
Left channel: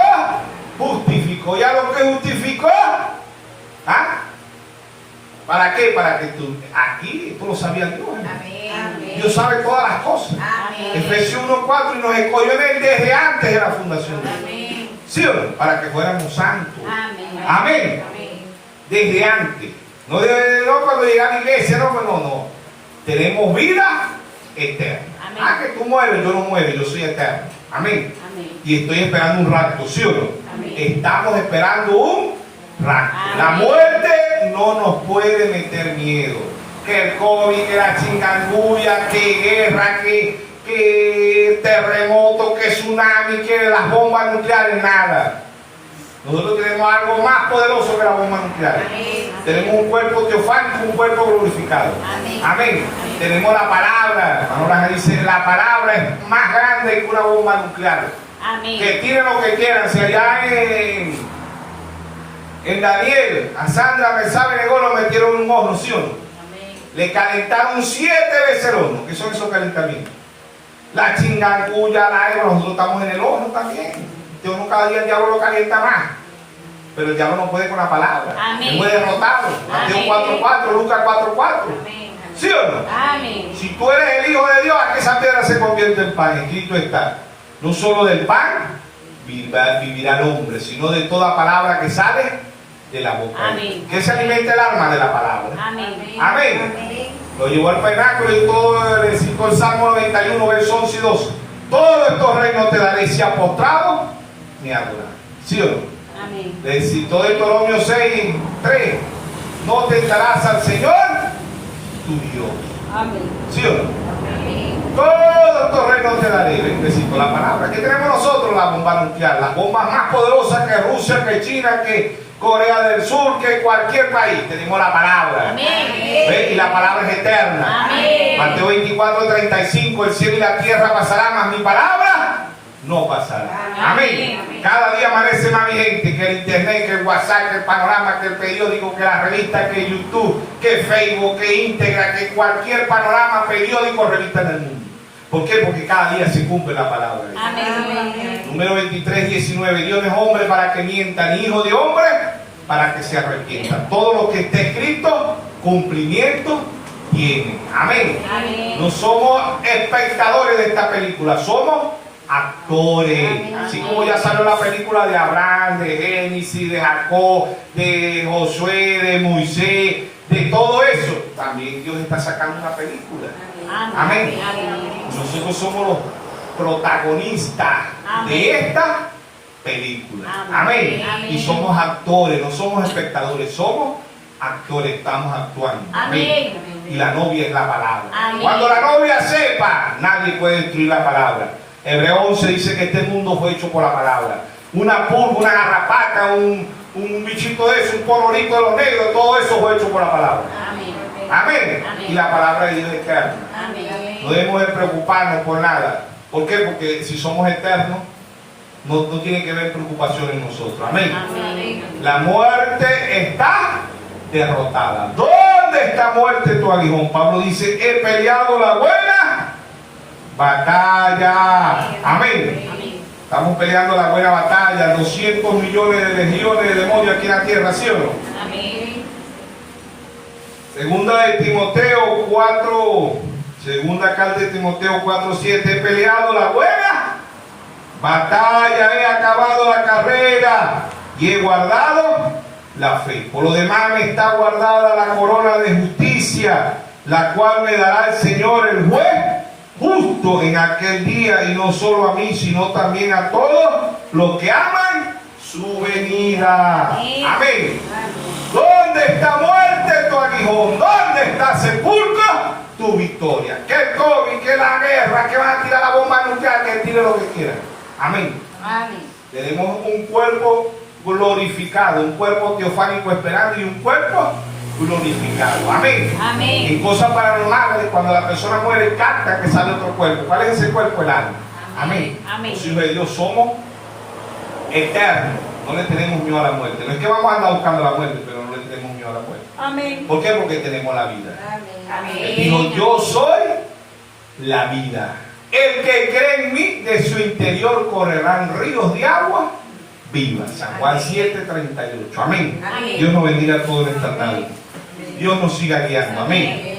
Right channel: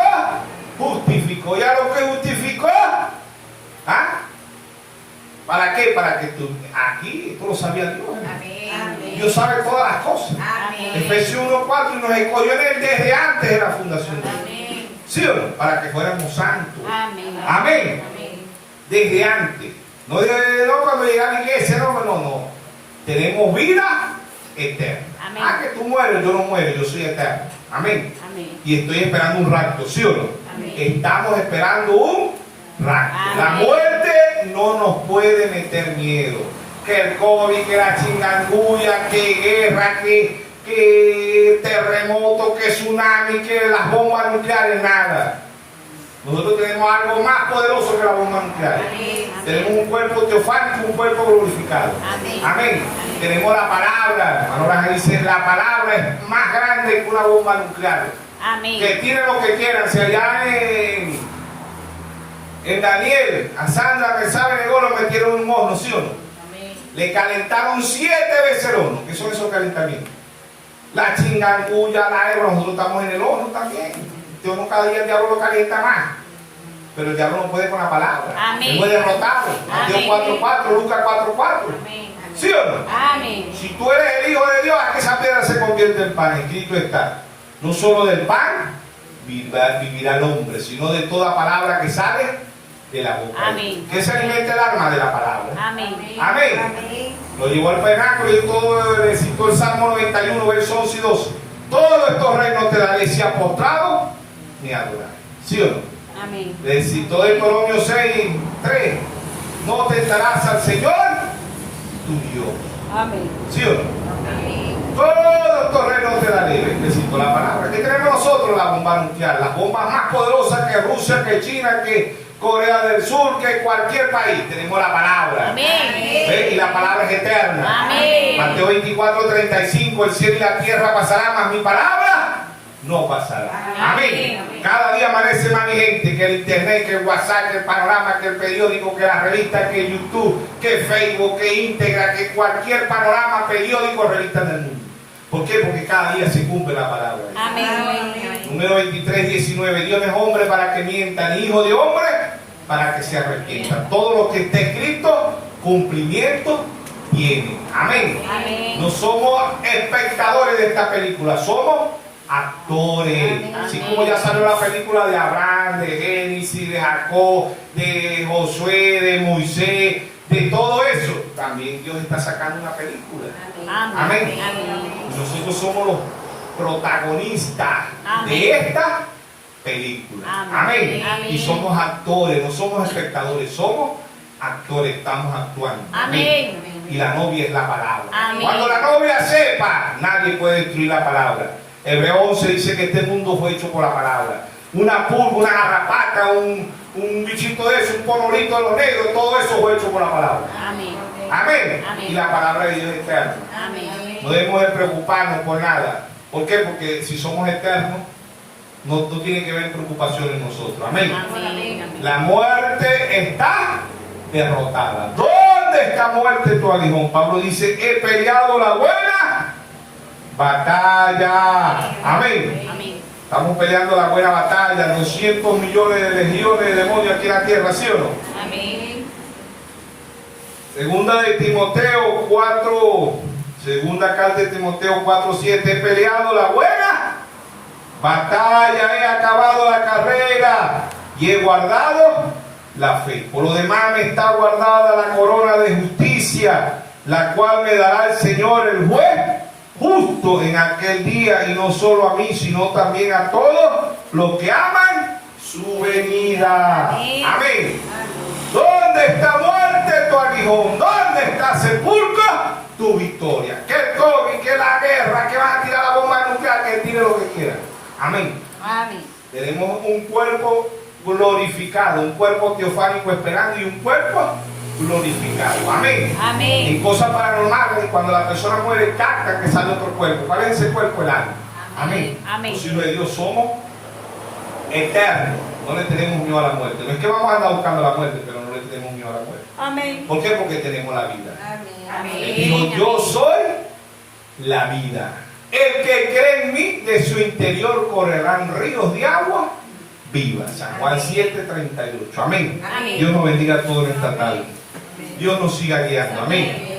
justificó. Y a los que justificó, ¿ah? ¿Para qué? Para que tú, aquí, esto lo sabía Dios. Amén. Dios sabe todas las cosas. Amén. Efesios 1:4, y nos escogió en él desde antes de la fundación del mundo. Amén. ¿Sí o no? Para que fuéramos santos. Amén. Amén. Amén. Desde antes. No, no cuando llega a la iglesia, no. Tenemos vida eterna. Amén. Ah, que tú mueres, yo no muero, yo soy eterno. Amén. Amén. Y estoy esperando un rapto, ¿sí o no? Amén. Estamos esperando un rapto. Amén. La muerte no nos puede meter miedo. Que el COVID, que la chingandulla, que guerra, que terremoto, que tsunami, que las bombas nucleares, nada. Nosotros tenemos algo más poderoso que las bombas nucleares. Amén. Tenemos un cuerpo teofánico, un cuerpo glorificado. Amén. Amén. Tenemos la palabra. Ahora dice, la palabra es más grande que una bomba nuclear. Amén. Que tiren lo que quieran. Si allá en Daniel, a Sandra Rezaba negó, lo metieron en un horno, ¿sí o no? Amén. Le calentaron 7 veces el horno. ¿Qué son esos calentamientos? La chingangulla, la hebra, nosotros estamos en el horno también. Dios no, cada día el diablo lo calienta más. Pero el diablo no puede con la palabra. Amén. Él puede derrotarlo. Mateo Amén. 4:4, Lucas 4:4. Amén. ¿Sí o no? Amén. Si tú eres el Hijo de Dios, a que esa piedra se convierte en pan. Escrito está. No solo del pan vivirá el hombre, sino de toda palabra que sale de la boca. Amén. ¿Qué se alimenta el alma? De la palabra. Amén. Amén. Lo llevó al penáculo y todo le citó el Salmo 91, versos 11 y 12. Todos estos reinos te daré si apostrado ni adorar. ¿Sí o no? Amén. Le citó Deuteronomio 6:3. No tentarás al Señor tu Dios. Amén. ¿Sí o no? Amén. Todos estos reinos te daré. Le citó la palabra. ¿Qué tenemos nosotros? La bomba nuclear. Las bombas más poderosas que Rusia, que China, que Corea del Sur, que cualquier país. Tenemos la palabra. Amén. ¿Ve? Y la palabra es eterna. Amén. Mateo 24:35. El cielo y la tierra pasarán, mas mi palabra no pasará. Amén. Amén. Cada día amanece más vigente que el internet, que el WhatsApp, que el panorama, que el periódico, que la revista, que YouTube, que Facebook, que Integra, que cualquier panorama, periódico, revista en el mundo. ¿Por qué? Porque cada día se cumple la palabra. Amén. Número 23:19. Dios no es hombre para que mienta, ni hijo de hombre para que se arrepienta. Todo lo que está escrito, cumplimiento tiene. Amén. Amén. No somos espectadores de esta película, somos actores. Amén. Así como ya salió la película de Abraham, de Génesis, de Jacob, de Josué, de Moisés, de todo eso, también Dios está sacando una película. Amén. Amén. Nosotros somos los protagonistas de esta película. Amén. Amén. Y somos actores, no somos espectadores, somos actores, estamos actuando. Amén. Y la novia es la palabra. Amén. Cuando la novia sepa, nadie puede destruir la palabra. Hebreo 11 dice que este mundo fue hecho por la palabra. Una pulga, una garrapata, un bichito de eso, un colorito de los negros, todo eso fue hecho por la palabra. Amén. Amén. Amén. Y la palabra de Dios es eterna. Amén. No debemos de preocuparnos por nada. ¿Por qué? Porque si somos eternos, no tiene que haber preocupación en nosotros. Amén. Amén. La muerte está derrotada. ¿Dónde está muerte tu aguijón? Pablo dice, he peleado la buena batalla. Amén. Amén. Estamos peleando la buena batalla. 200 millones de legiones de demonios aquí en la tierra, ¿sí o no? Amén. Segunda de Timoteo 4, segunda carta de Timoteo 4:7. He peleado la buena batalla, he acabado la carrera y he guardado la fe. Por lo demás me está guardada la corona de justicia, la cual me dará el Señor, el juez justo, en aquel día, y no solo a mí, sino también a todos los que aman su venida. Amén. Amén. ¿Dónde está muerte tu aguijón? ¿Dónde está sepulcro tu victoria? Que el COVID, que la guerra, que van a tirar la bomba nuclear, que tire lo que quiera. Amén. Amén. Tenemos un cuerpo glorificado, un cuerpo teofánico esperando y un cuerpo glorificado. Amén. Amén. En cosas paranormales, cuando la persona muere, capta que sale otro cuerpo. ¿Cuál es ese cuerpo? El alma. Amén. Amén. Los hijos de Dios somos eternos. No le tenemos miedo a la muerte. No es que vamos a andar buscando la muerte, pero no le tenemos miedo a la muerte. Amén. ¿Por qué? Porque tenemos la vida. Amén. Él dijo, yo soy la vida. El que cree en mí, de su interior correrán ríos de agua viva. San Juan 7:38. Amén. Amén. Dios nos bendiga a todos en esta tarde. Dios nos siga guiando. Amén.